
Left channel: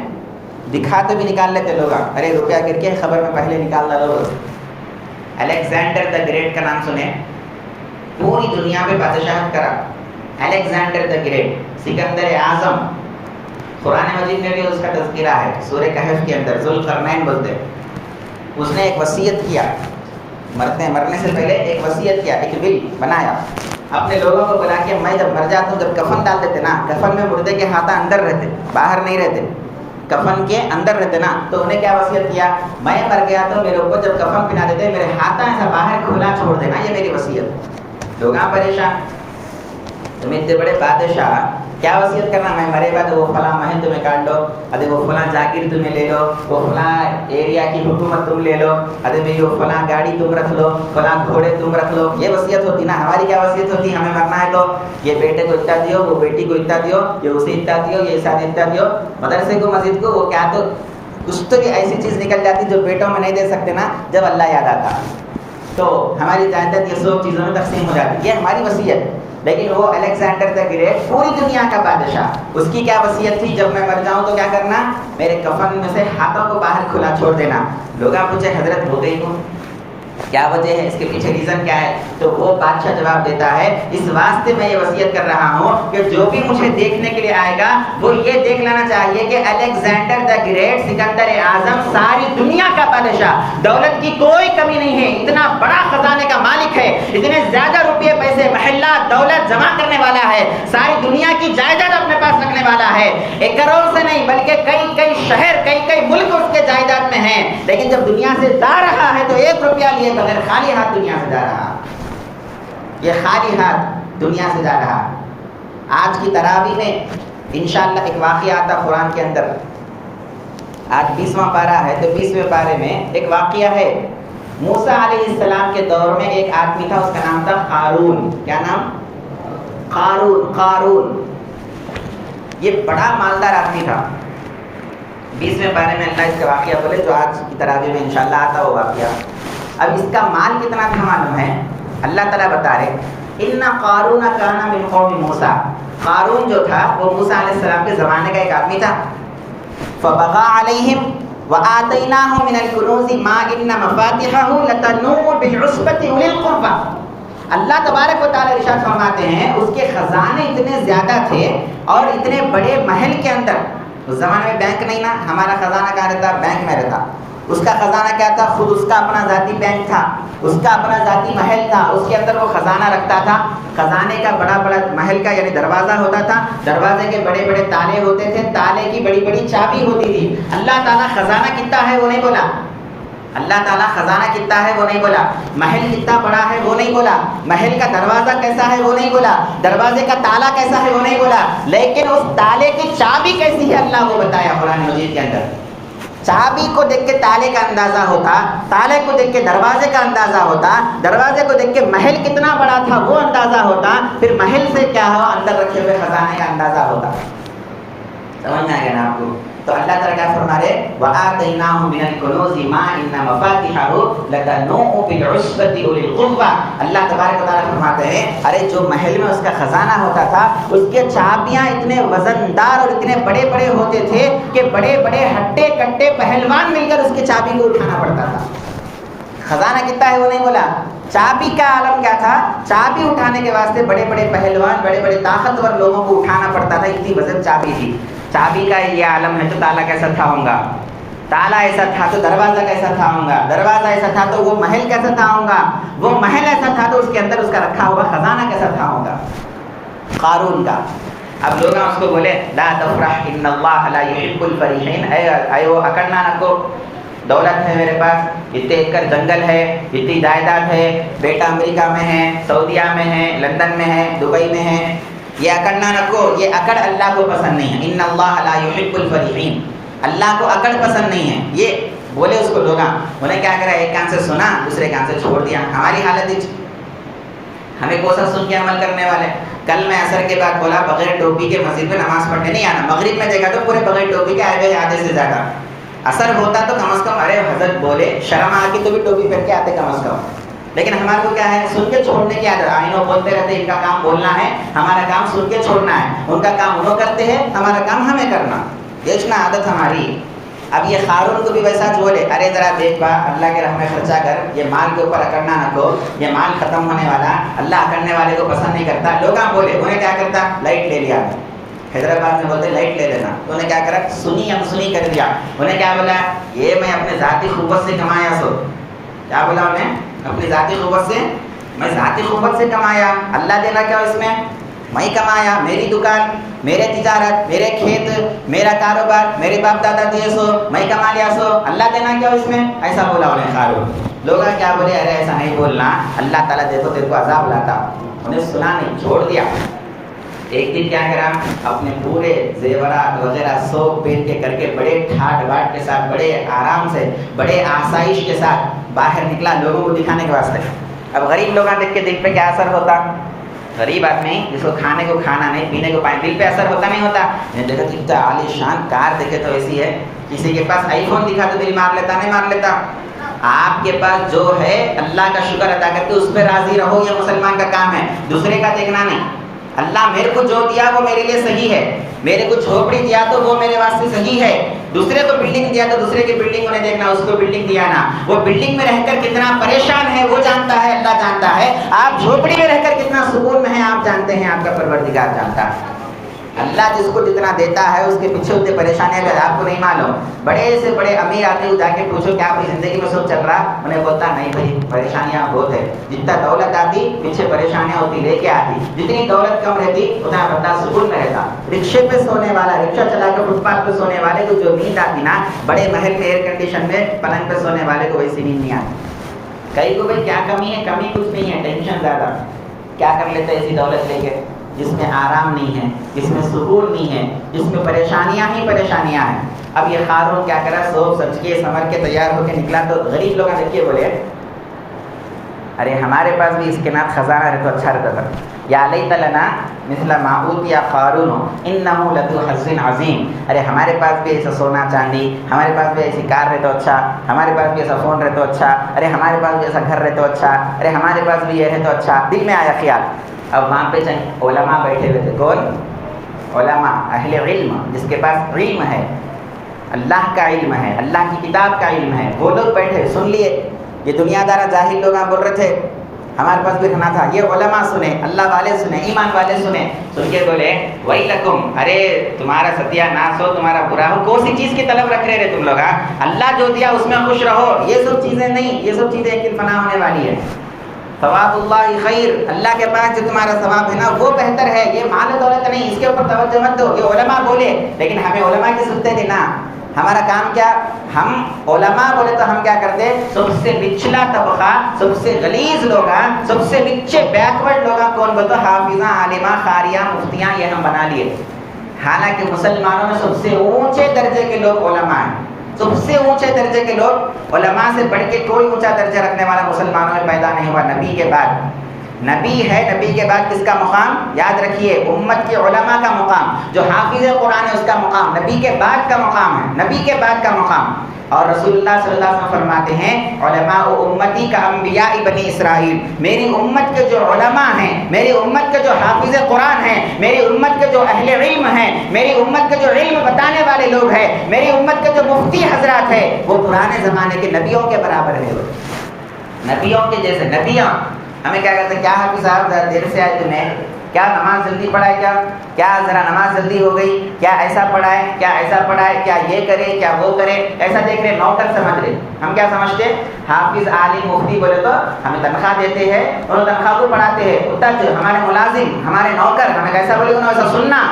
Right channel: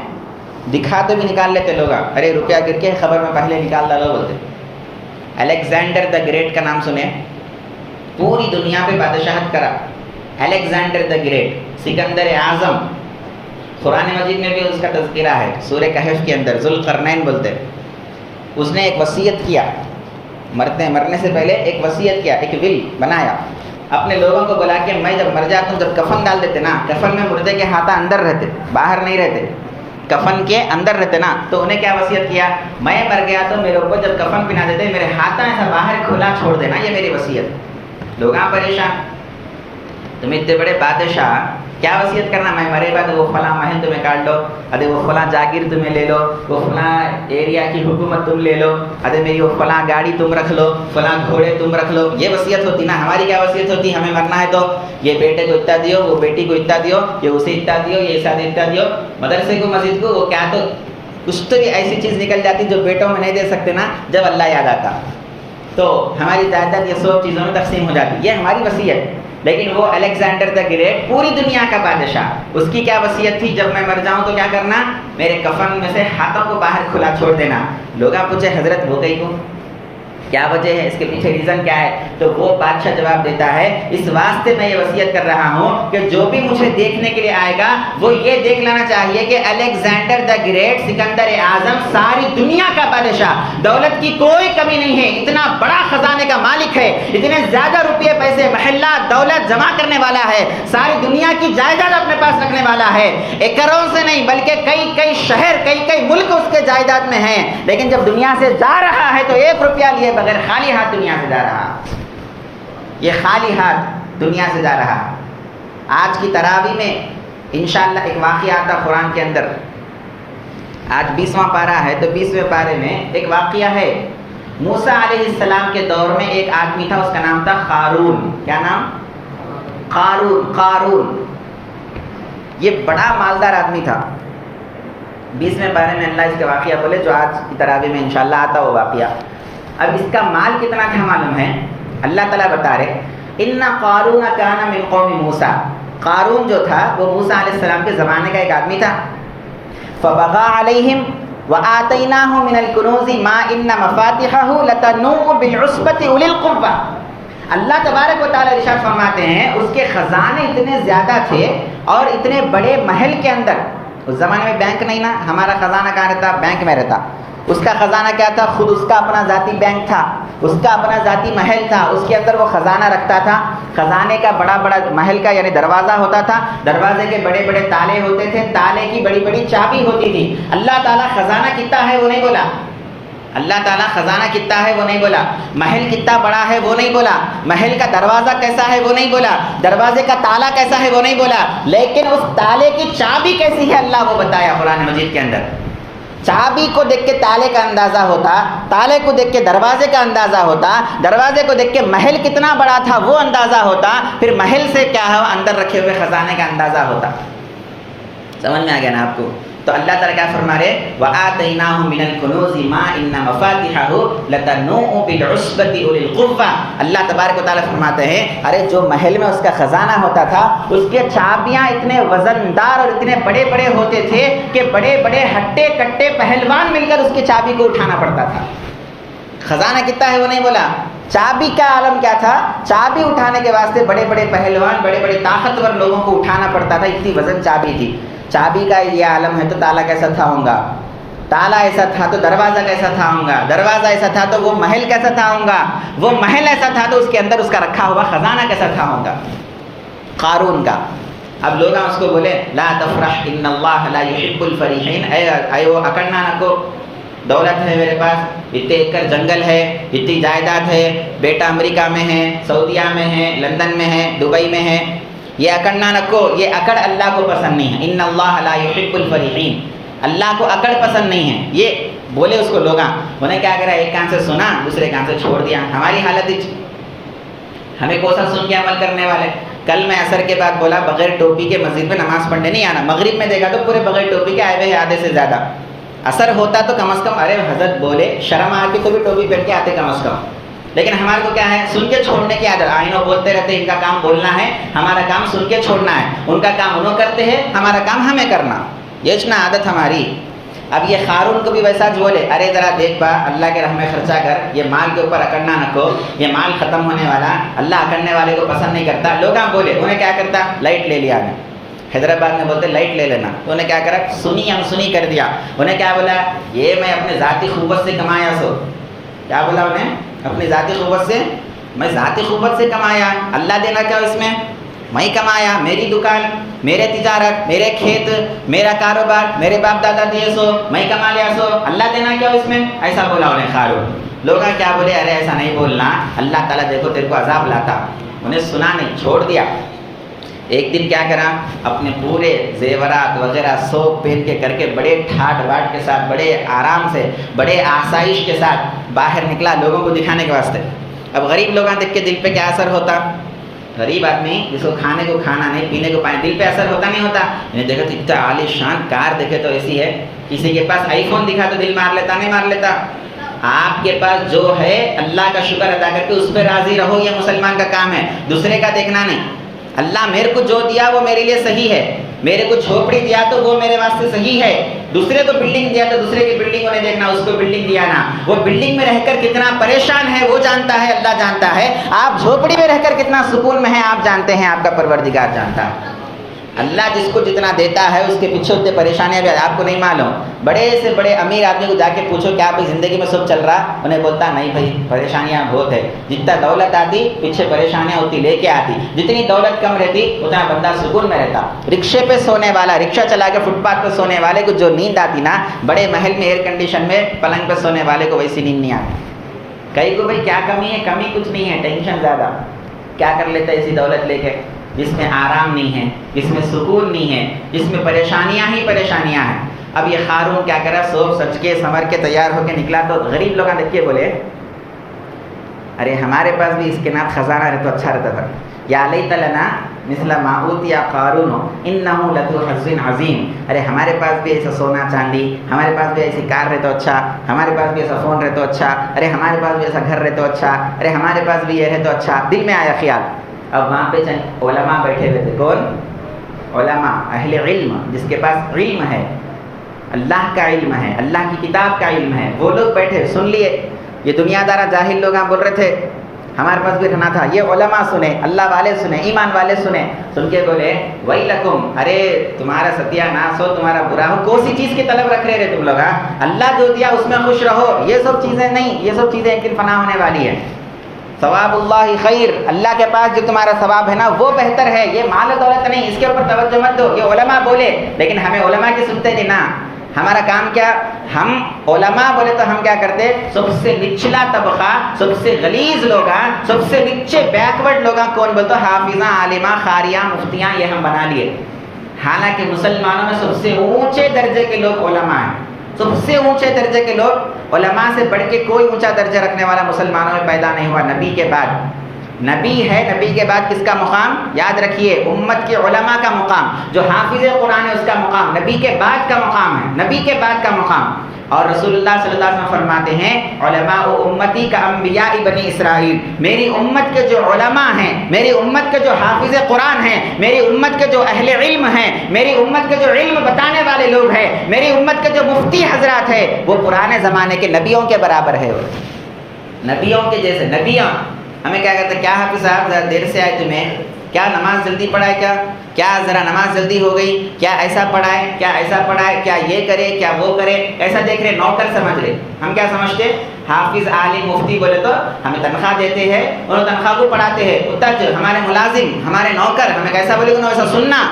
دکھا تو بھی نکال لیتے لوگ. ارے روپیہ گر کے خبر میں پہلے نکال ڈالو. بولتے الیگزینڈر دا گریٹ کا نام سنے؟ پوری دنیا پہ بادشاہت کرا. الیگزینڈر دا گریٹ، سکندر اعظم. قرآن مجید میں بھی اس کا تذکرہ ہے، سورہ کہف کے اندر. ذوالقرنین بولتے. اس نے ایک وصیت کیا، مرنے سے پہلے ایک وصیت کیا، ایک ول بنایا. اپنے لوگوں کو بلا کے میں جب مر جاتا ہوں جب کفن ڈال دیتے نا، کفن میں مردے کے ہاتھ اندر رہتے، باہر نہیں رہتے، کفن کے اندر رہتے نا. تو انہیں کیا وصیت کیا؟ میں مر گیا تو میرے اوپر جب کفن پہنا دیتے میرے ہاتھ ایسا باہر کھلا چھوڑ دینا، یہ میری وصیت. لوگ پریشان، تم اتنے بڑے بادشاہ کیا وصیت کرنا؟ میں مرے گا تو وہ فلاں محل تمہیں کاٹ لو، ارے وہ فلاں جاگیر تمہیں لے لو، وہ فلاں ایریا کی حکومت تم لے لو، ارے بھائی وہ فلاں گاڑی تم رکھ لو، فلاں گھوڑے تم رکھ لو. یہ وصیت ہوتی نا. ہماری کیا وصیت ہوتی؟ ہمیں مرنا ہے تو یہ بیٹے کو اتنا دیو، وہ بیٹی کو اتنا دیو، یہ اسے اتنا دیو، یہ شادی اتنا دیو، مدرسے کو مسجد کو. وہ کیا تو کچھ تو بھی ایسی چیز نکل جاتی جو بیٹوں میں نہیں دے سکتے نا. جب اللہ یاد آتا تو ہماری جائیداد یہ 100 چیزوں میں تقسیم ہو جاتی. یہ ہماری وصیت. لیکن وہ الیگزینڈر دا گریٹ پوری دنیا کا بادشاہ، اس کی کیا وصیت تھی؟ جب میں مر جاؤں تو کیا کرنا؟ میرے کفن میں سے ہاتھوں کو باہر کھلا چھوڑ دینا. لوگ پوچھے حضرت ہو گئی کیوں؟ کیا وجہ ہے؟ اس کے پیچھے ریزن کیا ہے؟ تو وہ بادشاہ جواب دیتا ہے اس واسطے میں یہ وصیت کر رہا ہوں کہ جو بھی مجھے دیکھنے کے لیے آئے گا وہ یہ دیکھ لینا چاہیے کہ الیگزینڈر دا گریٹ، سکندر اعظم، ساری دنیا کا بادشاہ، دولت کی کوئی کمی نہیں ہے، اتنا بڑا خزانے کا مالک ہے، اتنے زیادہ روپے پیسے محلات دولت جمع کرنے والا ہے، ساری دنیا کی جائیداد اپنے پاس رکھنے والا ہے. ایکڑوں سے نہیں بلکہ کئی شہر، کئی ملک اس کے جائیداد میں ہیں. لیکن جب دنیا سے جا رہا ہے تو 1 روپیہ لیے بغیر خالی ہاتھ دنیا سے جا رہا. یہ خالی ہاتھ دنیا سے جا رہا. آج کی تراویح میں انشاءاللہ ایک واقعہ آتا قرآن کے اندر. آج 20واں پارہ ہے تو 20ویں پارے میں ایک واقعہ ہے. موسیٰ علیہ السلام کے دور میں ایک آدمی تھا، اس کا نام تھا قارون. کیا نام؟ قارون. یہ بڑا مالدار آدمی تھا. 20ویں پارے میں اللہ اس کا واقعہ بولے جو آج کی تراویح میں انشاءاللہ آتا وہ واقعہ. اب اس کا مال کتنا تھا معلوم ہے؟ اللہ تعالیٰ بتا رہے ان قارون کان من قوم موسیٰ. قارون جو تھا وہ موسیٰ علیہ السلام کے زمانے کا ایک آدمی تھا. فبغى علیہم وآتیناہ من الکنوز ما ان مفاتحہ لتنوء بالعصبۃ اولي القربى. اللہ تبارک و تعالیٰ ارشاد فرماتے ہیں اس کے خزانے اتنے زیادہ تھے اور اتنے بڑے محل کے اندر. اس زمانے میں بینک نہیں نا، ہمارا خزانہ کہاں رہتا؟ بینک میں رہتا. اس کا خزانہ کیا تھا؟ خود اس کا اپنا ذاتی بینک تھا، اس کا اپنا ذاتی محل تھا، اس کے اندر وہ خزانہ رکھتا تھا. خزانے کا بڑا محل کا یعنی دروازہ ہوتا تھا، دروازے کے بڑے بڑے تالے ہوتے تھے، تالے کی بڑی بڑی چابی ہوتی تھی. اللہ تعالیٰ خزانہ کتنا ہے وہ نہیں بولا. اللہ تعالیٰ خزانہ کتنا ہے وہ نہیں بولا. محل کتنا بڑا ہے وہ نہیں بولا. محل کا دروازہ کیسا ہے وہ نہیں بولا. دروازے کا تالا کیسا ہے وہ نہیں بولا. لیکن اس تالے کی چابی کیسی ہے اللہ کو بتایا قرآن مجید کے اندر. چابی کو دیکھ کے تالے کا اندازہ ہوتا، تالے کو دیکھ کے دروازے کا اندازہ ہوتا، دروازے کو دیکھ کے محل کتنا بڑا تھا وہ اندازہ ہوتا، پھر محل سے کیا ہوا اندر رکھے ہوئے خزانے کا اندازہ ہوتا. سمجھ میں آ گیا نا آپ کو؟ تو اللہ تعالیٰ کیا فرما رہے؟ وَآتَيْنَاهُ مِنَ الْكُنُوزِ مَا إِنَّ مَفَاتِحَهُ لَتَنُوءُ بِالْعُصْبَةِ أُولِي الْقُوَّةِ. اللہ تبارک و تعالیٰ فرماتے ہیں ارے جو محل میں اس کا خزانہ ہوتا تھا اس کے چابیاں اتنے وزندار اور اتنے بڑے بڑے ہوتے تھے کہ بڑے بڑے ہٹے کٹے پہلوان مل کر اس کی چابی کو اٹھانا پڑتا تھا. خزانہ کتنا ہے وہ نہیں بولا. چابی کا عالم کیا تھا؟ چابی اٹھانے کے واسطے بڑے بڑے پہلوان بڑے بڑے طاقتور لوگوں کو اٹھانا پڑتا تھا, اتنی وزن چابی تھی. چابی کا یہ عالم ہے تو تالا کیسا تھا ہوگا, تالا ایسا تھا تو دروازہ کیسا تھا ہوگا, دروازہ ایسا تھا تو وہ محل کیسا تھا ہوگا, وہ محل ایسا تھا تو اس کے اندر اس کا رکھا ہوا خزانہ کیسا تھا ہوگا. قارون کا. اب لوگ اس کو بولے لا تفرح ان اللہ لا يحب الفرحین, اے وہ اکڑنا نہ کو, دولت ہے میرے پاس, اتنے ایکڑ جنگل ہے, اتنی جائیداد ہے, بیٹا امریکہ میں ہے, سعودیہ میں ہے, لندن میں ہے, دبئی میں ہے, یہ اکڑنا نہ کو, یہ اکڑ اللہ کو پسند نہیں ہے. ان اللہ لا يحب الفرحین, اللہ کو اکڑ پسند نہیں ہے. یہ بولے اس کو لوگ, انہیں کیا کرا, ایک کان سے سنا دوسرے کان سے چھوڑ دیا. ہماری حالت ہمیں کوسا سن کے عمل کرنے والے. کل میں عصر کے بعد بولا بغیر ٹوپی کے مسجد میں نماز پڑھنے نہیں آنا. مغرب میں دیکھا تو پورے بغیر ٹوپی کے آئے ہوئے آدھے سے زیادہ. اثر ہوتا تو کم از کم ارے حضرت بولے شرم آ کے تو بھی ٹوپی پہن کے آتے کم از کم. لیکن ہمارے کو کیا ہے, سن کے چھوڑنے کی عادت. آئینوں بولتے رہتے ان کا کام بولنا ہے, ہمارا کام سن کے چھوڑنا ہے. ان کا کام انہوں کرتے ہیں, ہمارا کام ہمیں کرنا. یہ اتنا عادت ہماری. اب یہ قارون کو بھی ویسا جو بولے ارے ذرا دیکھ با, اللہ کے راہ میں خرچہ کر, یہ مال کے اوپر اکڑنا نہ کو, یہ مال ختم ہونے والا, اللہ اکڑنے والے کو پسند نہیں کرتا. لوگ بولے, انہیں کیا کرتا, لائٹ لے لیا. حیدرآباد میں بولتے لائٹ لے لینا, تو انہیں کیا کرا, سنی ہم سنی کر دیا. انہیں کیا بولا, یہ میں اپنے ذاتی قوت سے کمایا. سو کیا بولا انہیں, اپنی ذاتی قوت سے, میں ذاتی قوت سے کمایا. اللہ دینا کیا اس میں, میں کمایا, میری دکان, میرے تجارت, میرے کھیت, میرا کاروبار, میرے باپ دادا دیے سو, میں کما لیا سو, اللہ دینا کیا اس میں, ایسا بولا انہیں قارون. لوگ کیا بولے, ارے ایسا نہیں بولنا, اللہ تعالیٰ دیکھو تیرے کو عذاب لاتا. انہیں سنا نہیں, چھوڑ دیا. ایک دن کیا کرا, اپنے پورے زیورات وغیرہ سوپ پہن کے کر کے بڑے ٹھاٹ واٹ کے ساتھ, بڑے آرام سے, بڑے آسائش کے ساتھ باہر نکلا لوگوں کو دکھانے کے واسطے. اب غریب لوگ دیکھ کے دل پہ کیا اثر ہوتا, غریب آدمی جس کو کھانے کو کھانا نہیں, پینے کو پانی, دل پہ اثر ہوتا نہیں ہوتا. انہیں دیکھا تو اتنا عالی شان کار دیکھے تو ایسی ہے, کسی کے پاس آئی فون دکھا تو دل مار لیتا, نہیں مار لیتا. آپ کے پاس جو ہے اللہ کا شکر ادا کر کے اس پہ راضی رہو, یہ مسلمان کا کام ہے, دوسرے کا دیکھنا نہیں. اللہ میرے کو جو دیا وہ میرے لیے صحیح ہے, میرے کو جھوپڑی دیا تو وہ میرے واسطے صحیح ہے, دوسرے کو بلڈنگ دیا تو دوسرے کی بلڈنگ کو نہیں دیکھنا, اس کو بلڈنگ دیا نا, وہ بلڈنگ میں رہ کر کتنا پریشان ہے وہ جانتا ہے, اللہ جانتا ہے. آپ جھوپڑی میں رہ کر کتنا سکون میں ہیں آپ جانتے ہیں, آپ کا پروردگار جانتا ہے. اللہ جس کو جتنا دیتا ہے اس کے پیچھے اتنے پریشانیاں بھی آپ کو نہیں معلوم. بڑے سے بڑے امیر آدمی کو جا کے پوچھو کیا آپ کی زندگی میں سب چل رہا, انہیں بولتا نہیں بھائی پریشانیاں بہت ہے. جتنا دولت آتی پیچھے پریشانیاں ہوتی لے کے آتی, جتنی دولت کم رہتی اتنا بندہ سکون میں رہتا. رکشے پہ سونے والا, رکشہ چلا کے فٹ پاتھ پہ سونے والے کو جو نیند آتی نا, بڑے محل میں ایئر کنڈیشن میں پلنگ پہ سونے والے کو ویسی نیند نہیں آتی. کئی کو بھائی کیا کمی ہے, کمی کچھ نہیں ہے, ٹینشن زیادہ. کیا کر لیتے ایسی دولت لے کے جس میں آرام نہیں ہے, جس میں سکون نہیں ہے, جس میں پریشانیاں ہی پریشانیاں ہیں. اب یہ قارون کیا کرا, سو سچ کے سمر کے تیار ہو کے نکلا تو غریب لوگ دیکھ کے بولے ارے ہمارے پاس بھی اس کے نام خزانہ رہے تو اچھا رہتا تھا. یا لیت لنا مثل ما اوتی قارون انہ لذو حظ عظیم. ارے ہمارے پاس بھی ایسا سونا چاندی, ہمارے پاس بھی ایسی کار رہے تو اچھا, ہمارے پاس بھی ایسا فون رہے تو اچھا, ارے ہمارے پاس بھی ایسا گھر رہے تو اچھا, ارے ہمارے پاس بھی یہ رہے تو اچھا. دل میں آیا خیال. اب وہاں پہ چند علماء بیٹھے ہوئے تھے. کون علماء, اہل علم, جس کے پاس علم ہے, اللہ کا علم ہے, اللہ کی کتاب کا علم ہے, وہ لوگ بیٹھے سن لیے. یہ دنیا دارا جاہل لوگ بول رہے تھے ہمارے پاس بھی رہنا تھا. یہ علماء سنے, اللہ والے سنے, ایمان والے سنے, سن کے بولے ویلکم, ارے تمہارا ستیہ ناس ہو, تمہارا برا ہو, کون سی چیز کی طلب رکھ رہے تم لوگ. اللہ جو دیا اس میں خوش رہو. یہ سب چیزیں نہیں, یہ سب چیزیں ایک دن فنا ہونے والی ہے. ثواب اللہ خیر, اللہ کے پاس جو تمہارا ثواب ہے نا وہ بہتر ہے. یہ مال و دولت نہیں, اس کے اوپر توجہ مت دو. یہ علماء بولے, لیکن ہمیں علماء کی سنتے نہیں نا. ہمارا کام کیا, ہم علماء بولے تو ہم کیا کرتے, سب سے نچلا طبقہ, سب سے غلیظ لوگ, سب سے نیچے بیکورڈ لوگ کون بولتے, حافظہ, عالمہ, قاریہ, مفتیاں, یہ ہم بنا لیے. حالانکہ مسلمانوں میں سب سے اونچے درجے کے لوگ علماء ہیں. سب سے اونچے درجے کے لوگ, علماء سے بڑھ کے کوئی اونچا درجہ رکھنے والا مسلمانوں میں پیدا نہیں ہوا. نبی کے بعد نبی ہے, نبی کے بعد کس کا مقام یاد رکھیے, امت کے علماء کا مقام. جو حافظ قرآن ہے اس کا مقام نبی کے بعد کا مقام ہے, نبی کے بعد کا مقام. اور رسول اللہ صلی اللہ علیہ وسلم فرماتے ہیں علماء امتی کا انبیاء بنی اسرائیل. میری امت کے جو علماء ہیں, میری امت کے جو حافظ قرآن ہیں, میری امت کے جو اہل علم ہیں, میری امت کے جو علم بتانے والے لوگ ہیں, میری امت کے جو مفتی حضرات ہیں, وہ پرانے زمانے کے نبیوں کے برابر ہے. نبیوں کے جیسے نبیوں ہمیں کیا کہتے ہیں، کیا حافظ صاحب ذرا دیر سے آئے تمہیں، کیا نماز جلدی پڑھائے، کیا ذرا نماز جلدی ہو گئی، کیا ایسا پڑھائے، کیا ایسا پڑھائے، کیا یہ کرے، کیا وہ کرے، ایسا دیکھ رہے، نوکر سمجھ رہے. ہم کیا سمجھتے ہیں، حافظ عالم مفتی بولے تو ہمیں تنخواہ دیتے ہیں اور تنخواہ کو پڑھاتے ہیں، اتاجر ہمارے ملازم ہمارے نوکر، ہمیں کیسا بولے گا ویسا سننا.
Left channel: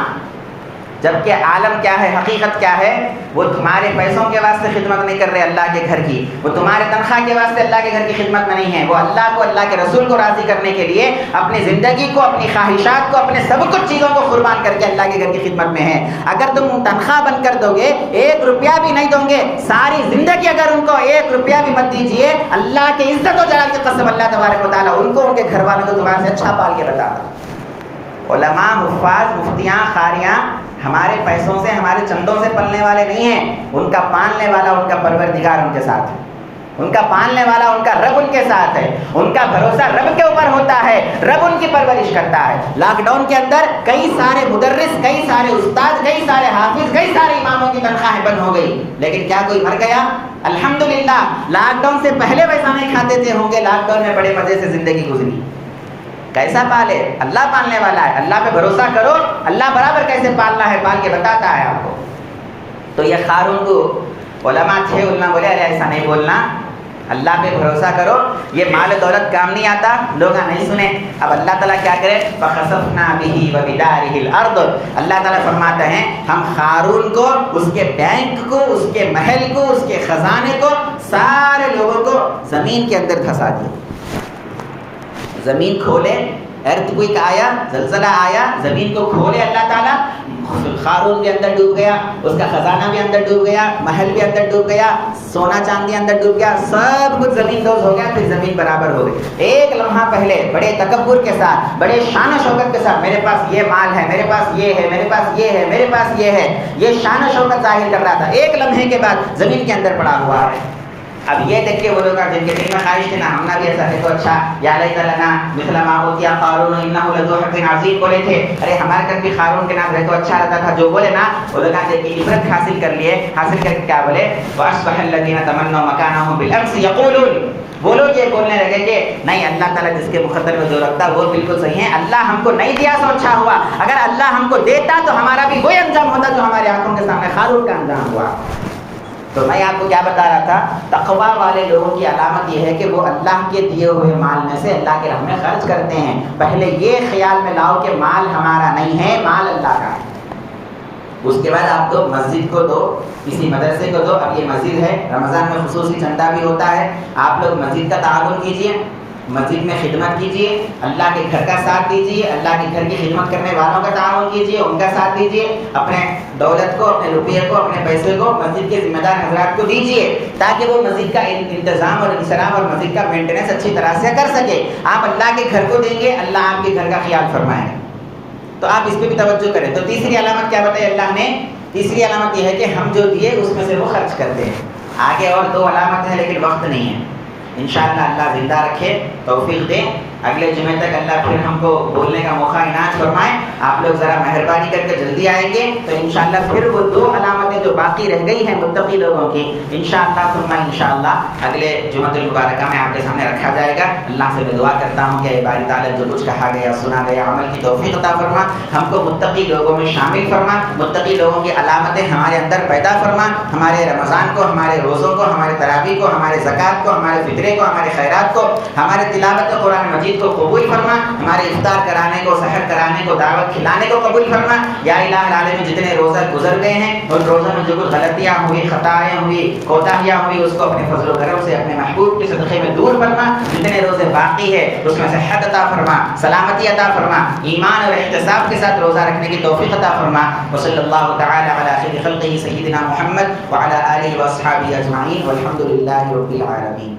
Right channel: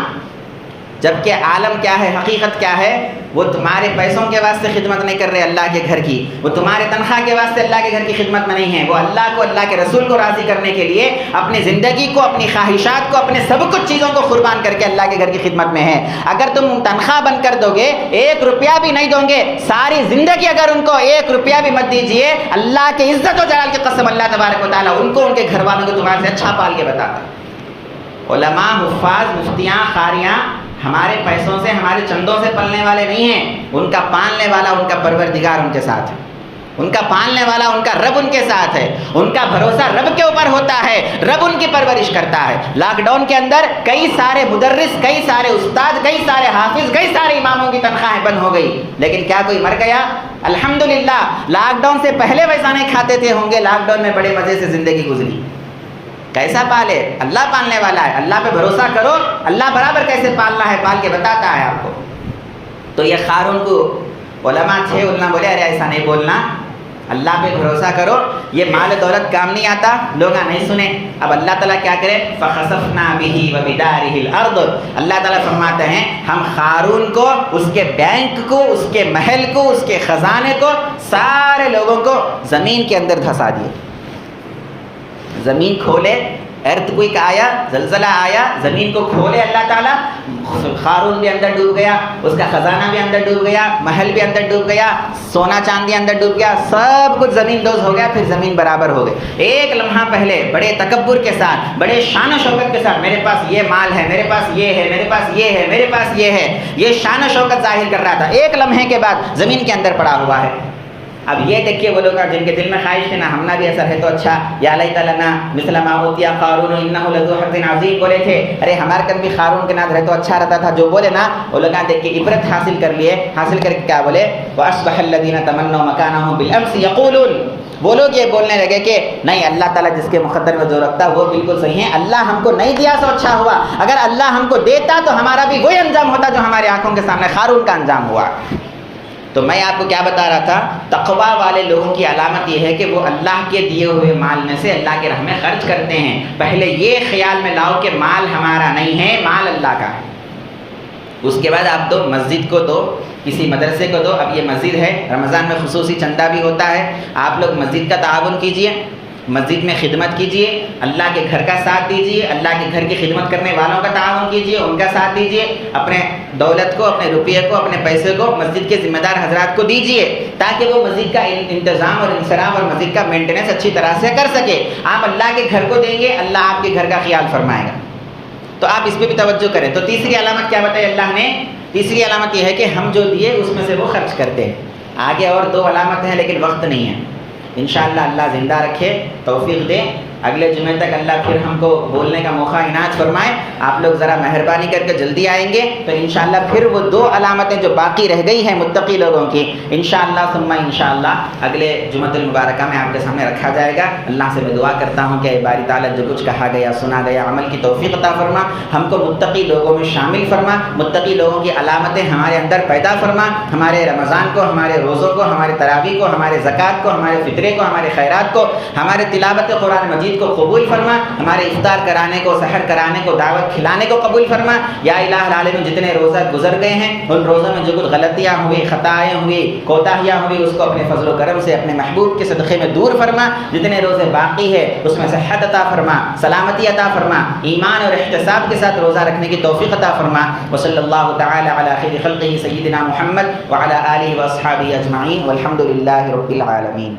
جبکہ عالم کیا ہے، حقیقت کیا ہے، وہ تمہارے پیسوں کے واسطے خدمت نہیں کر رہے اللہ کے گھر کی، وہ تمہارے تنخواہ کے واسطے اللہ کے گھر کی خدمت میں نہیں ہے، وہ اللہ کو، اللہ کے رسول کو راضی کرنے کے لیے اپنی زندگی کو، اپنی خواہشات کو، اپنے سب کچھ چیزوں کو قربان کر کے اللہ کے گھر کی خدمت میں ہے. اگر تم تنخواہ بن کر دو گے، 1 روپیہ بھی نہیں دو گے، ساری زندگی اگر ان کو 1 روپیہ بھی مت دیجیے، اللہ کے عزت و جلال کی قسم اللہ تبارک و تعالیٰ ان کو، ان کے گھر والوں کو تمہارے سے اچھا پال کے بتاتا. علماء، حفاظ، مفتیاں، قاریاں ہمارے پیسوں سے، ہمارے چندوں سے پلنے والے نہیں ہیں، ان کا پالنے والا، ان کا پروردگار ان کے ساتھ ہے، ان کا پالنے والا، ان کا رب ان کے ساتھ ہے، ان کا بھروسہ رب کے اوپر ہوتا ہے، رب ان کی پرورش کرتا ہے. لاک ڈاؤن کے اندر کئی سارے مدرس، کئی سارے استاد، کئی سارے حافظ، کئی سارے اماموں کی تنخواہیں بند ہو گئی، لیکن کیا کوئی مر گیا؟ الحمدللہ. لاک ڈاؤن سے پہلے ویسا نہیں کھاتے تھے ہوں گے، لاک ڈاؤن میں بڑے مزے سے زندگی گزری. کیسا پالے؟ اللہ پالنے والا ہے. اللہ پہ بھروسہ کرو، اللہ برابر کیسے پالنا ہے پال کے بتاتا ہے آپ کو. تو یہ قارون کو علماء تھے، علماء بولے ارے ایسا نہیں بولنا، اللہ پہ بھروسہ کرو، یہ مال دولت کام نہیں آتا. لوگ نہیں سنے. اب اللہ تعالیٰ کیا کرے، فَخَسَفْنَا بِهِ وَبِدَارِهِ الْأَرْضِ. اللہ تعالیٰ فرماتے ہیں ہم قارون کو، اس کے بینک کو، اس کے محل کو، اس کے خزانے کو، سارے لوگوں کو زمین کے اندر دھسا دیے. زمین کھولے، ارتھ آیا، زلزلہ آیا، زمین کو کھولے اللہ تعالیٰ، قارون بھی اندر ڈوب گیا، اس کا خزانہ بھی اندر ڈوب گیا، محل بھی اندر ڈوب گیا، سونا چاندی اندر ڈوب گیا، سب کچھ زمین دوز ہو گیا. پھر زمین برابر ہو گئی. ایک لمحہ پہلے بڑے تکبر کے ساتھ، بڑے شان و شوکت کے ساتھ، میرے پاس یہ مال ہے، میرے پاس یہ ہے، میرے پاس یہ ہے، میرے پاس یہ ہے، یہ شان و شوکت ظاہر کر رہا تھا. ایک لمحے کے بعد زمین کے اندر پڑا ہوا ہے. اب یہ دیکھ کے وہ لوگ جن کے دل میں خواہش تھی نا ہمنا بھی ایسا ہے تو اچھا، یا لیت لنا مثل ما اوتی قارون انہ لذو حظ عظیم بولے تھے، ارے ہمارے کن بھی قارون کے نام رہے تو اچھا رہتا تھا. جو بولے نا وہ لوگ دیکھ کے عبرت حاصل کر لیے. حاصل کر کے کیا بولے، واصبح الذین تمنوا مکانہ بالامس یقولون، وہ لوگ یہ بولنے لگے کہ نہیں، اللہ تعالیٰ جس کے مقدر میں جو رکھتا وہ بالکل صحیح ہے، اللہ ہم کو نہیں دیا تو اچھا ہوا، اگر اللہ ہم کو دیتا تو ہمارا بھی وہی انجام ہوتا جو ہمارے آنکھوں کے سامنے قارون کا انجام ہوا. تو میں آپ کو کیا بتا رہا تھا، تقویٰ والے لوگوں کی علامت یہ ہے کہ وہ اللہ کے دیے ہوئے مال میں سے اللہ کے راہ میں خرچ کرتے ہیں. پہلے یہ خیال میں لاؤ کہ مال ہمارا نہیں ہے، مال اللہ کا ہے. اس کے بعد آپ دو، مسجد کو دو، کسی مدرسے کو دو. اب یہ مسجد ہے، رمضان میں خصوصی چندہ بھی ہوتا ہے، آپ لوگ مسجد کا تعاون کیجئے، مسجد میں خدمت کیجئے، اللہ کے گھر کا ساتھ دیجئے، اللہ کے گھر کی خدمت کرنے والوں کا تعاون کیجئے، ان کا ساتھ دیجئے. اپنے دولت کو، اپنے روپیے کو، اپنے پیسے کو مسجد کے ذمہ دار حضرات کو دیجئے، تاکہ وہ مسجد کا انتظام اور انصراف اور مسجد کا مینٹیننس اچھی طرح سے کر سکے. آپ اللہ کے گھر کو دیں گے، اللہ آپ کے گھر کا خیال فرمائے گا. تو آپ اس پہ بھی توجہ کریں. تو تیسری علامت کیا بتائی اللہ نے؟ تیسری علامت یہ ہے کہ ہم جو دیے اس میں سے وہ خرچ کرتے ہیں. آگے اور 2 علامت ہیں لیکن وقت نہیں ہے. انشاءاللہ اللہ زندہ رکھے، توفیق دے، اگلے جمعے تک اللہ پھر ہم کو بولنے کا موقع عنایت فرمائے. آپ لوگ ذرا مہربانی کر کے جلدی آئیں گے تو انشاءاللہ پھر وہ 2 علامتیں جو باقی رہ گئی ہیں متقی لوگوں کی، انشاءاللہ ثم انشاءاللہ اگلے جمعۃ المبارکہ میں آپ کے سامنے رکھا جائے گا. اللہ سے میں دعا کرتا ہوں کہ اے باری تعالیٰ جو کچھ کہا گیا، سنا گیا، عمل کی توفیق عطا فرما، ہم کو متقی لوگوں میں شامل فرما، متقی لوگوں کی علامتیں ہمارے اندر پیدا فرما. ہمارے رمضان کو، ہمارے روزوں کو، ہمارے تراویح کو، ہمارے زکوٰۃ کو، ہمارے فطرے کو، ہمارے خیرات کو، ہمارے تلاوت قرآن مجید کو قبول فرما. ہمارے افطار کرانے کو، سحر کرانے کو، دعوت کھلانے کو قبول فرما. یا الہ العالمین جتنے روزہ گزر گئے ہیں ان روزوں میں جو کچھ غلطیاں ہوئی، خطائیں ہوئی، کوتاہیاں ہوئی، اس کو اپنے فضل و کرم سے اپنے محبوب کے صدقے میں دور فرما. جتنے روزے باقی ہے اس میں صحت عطا فرما، سلامتی عطا فرما، ایمان اور احتساب کے ساتھ روزہ رکھنے کی توفیق عطا فرما. وصلی اللہ تعالی علی خیر خلقہ سیدنا محمد وعلی آلہ واصحابہ اجمعین والحمد للہ رب العالمین.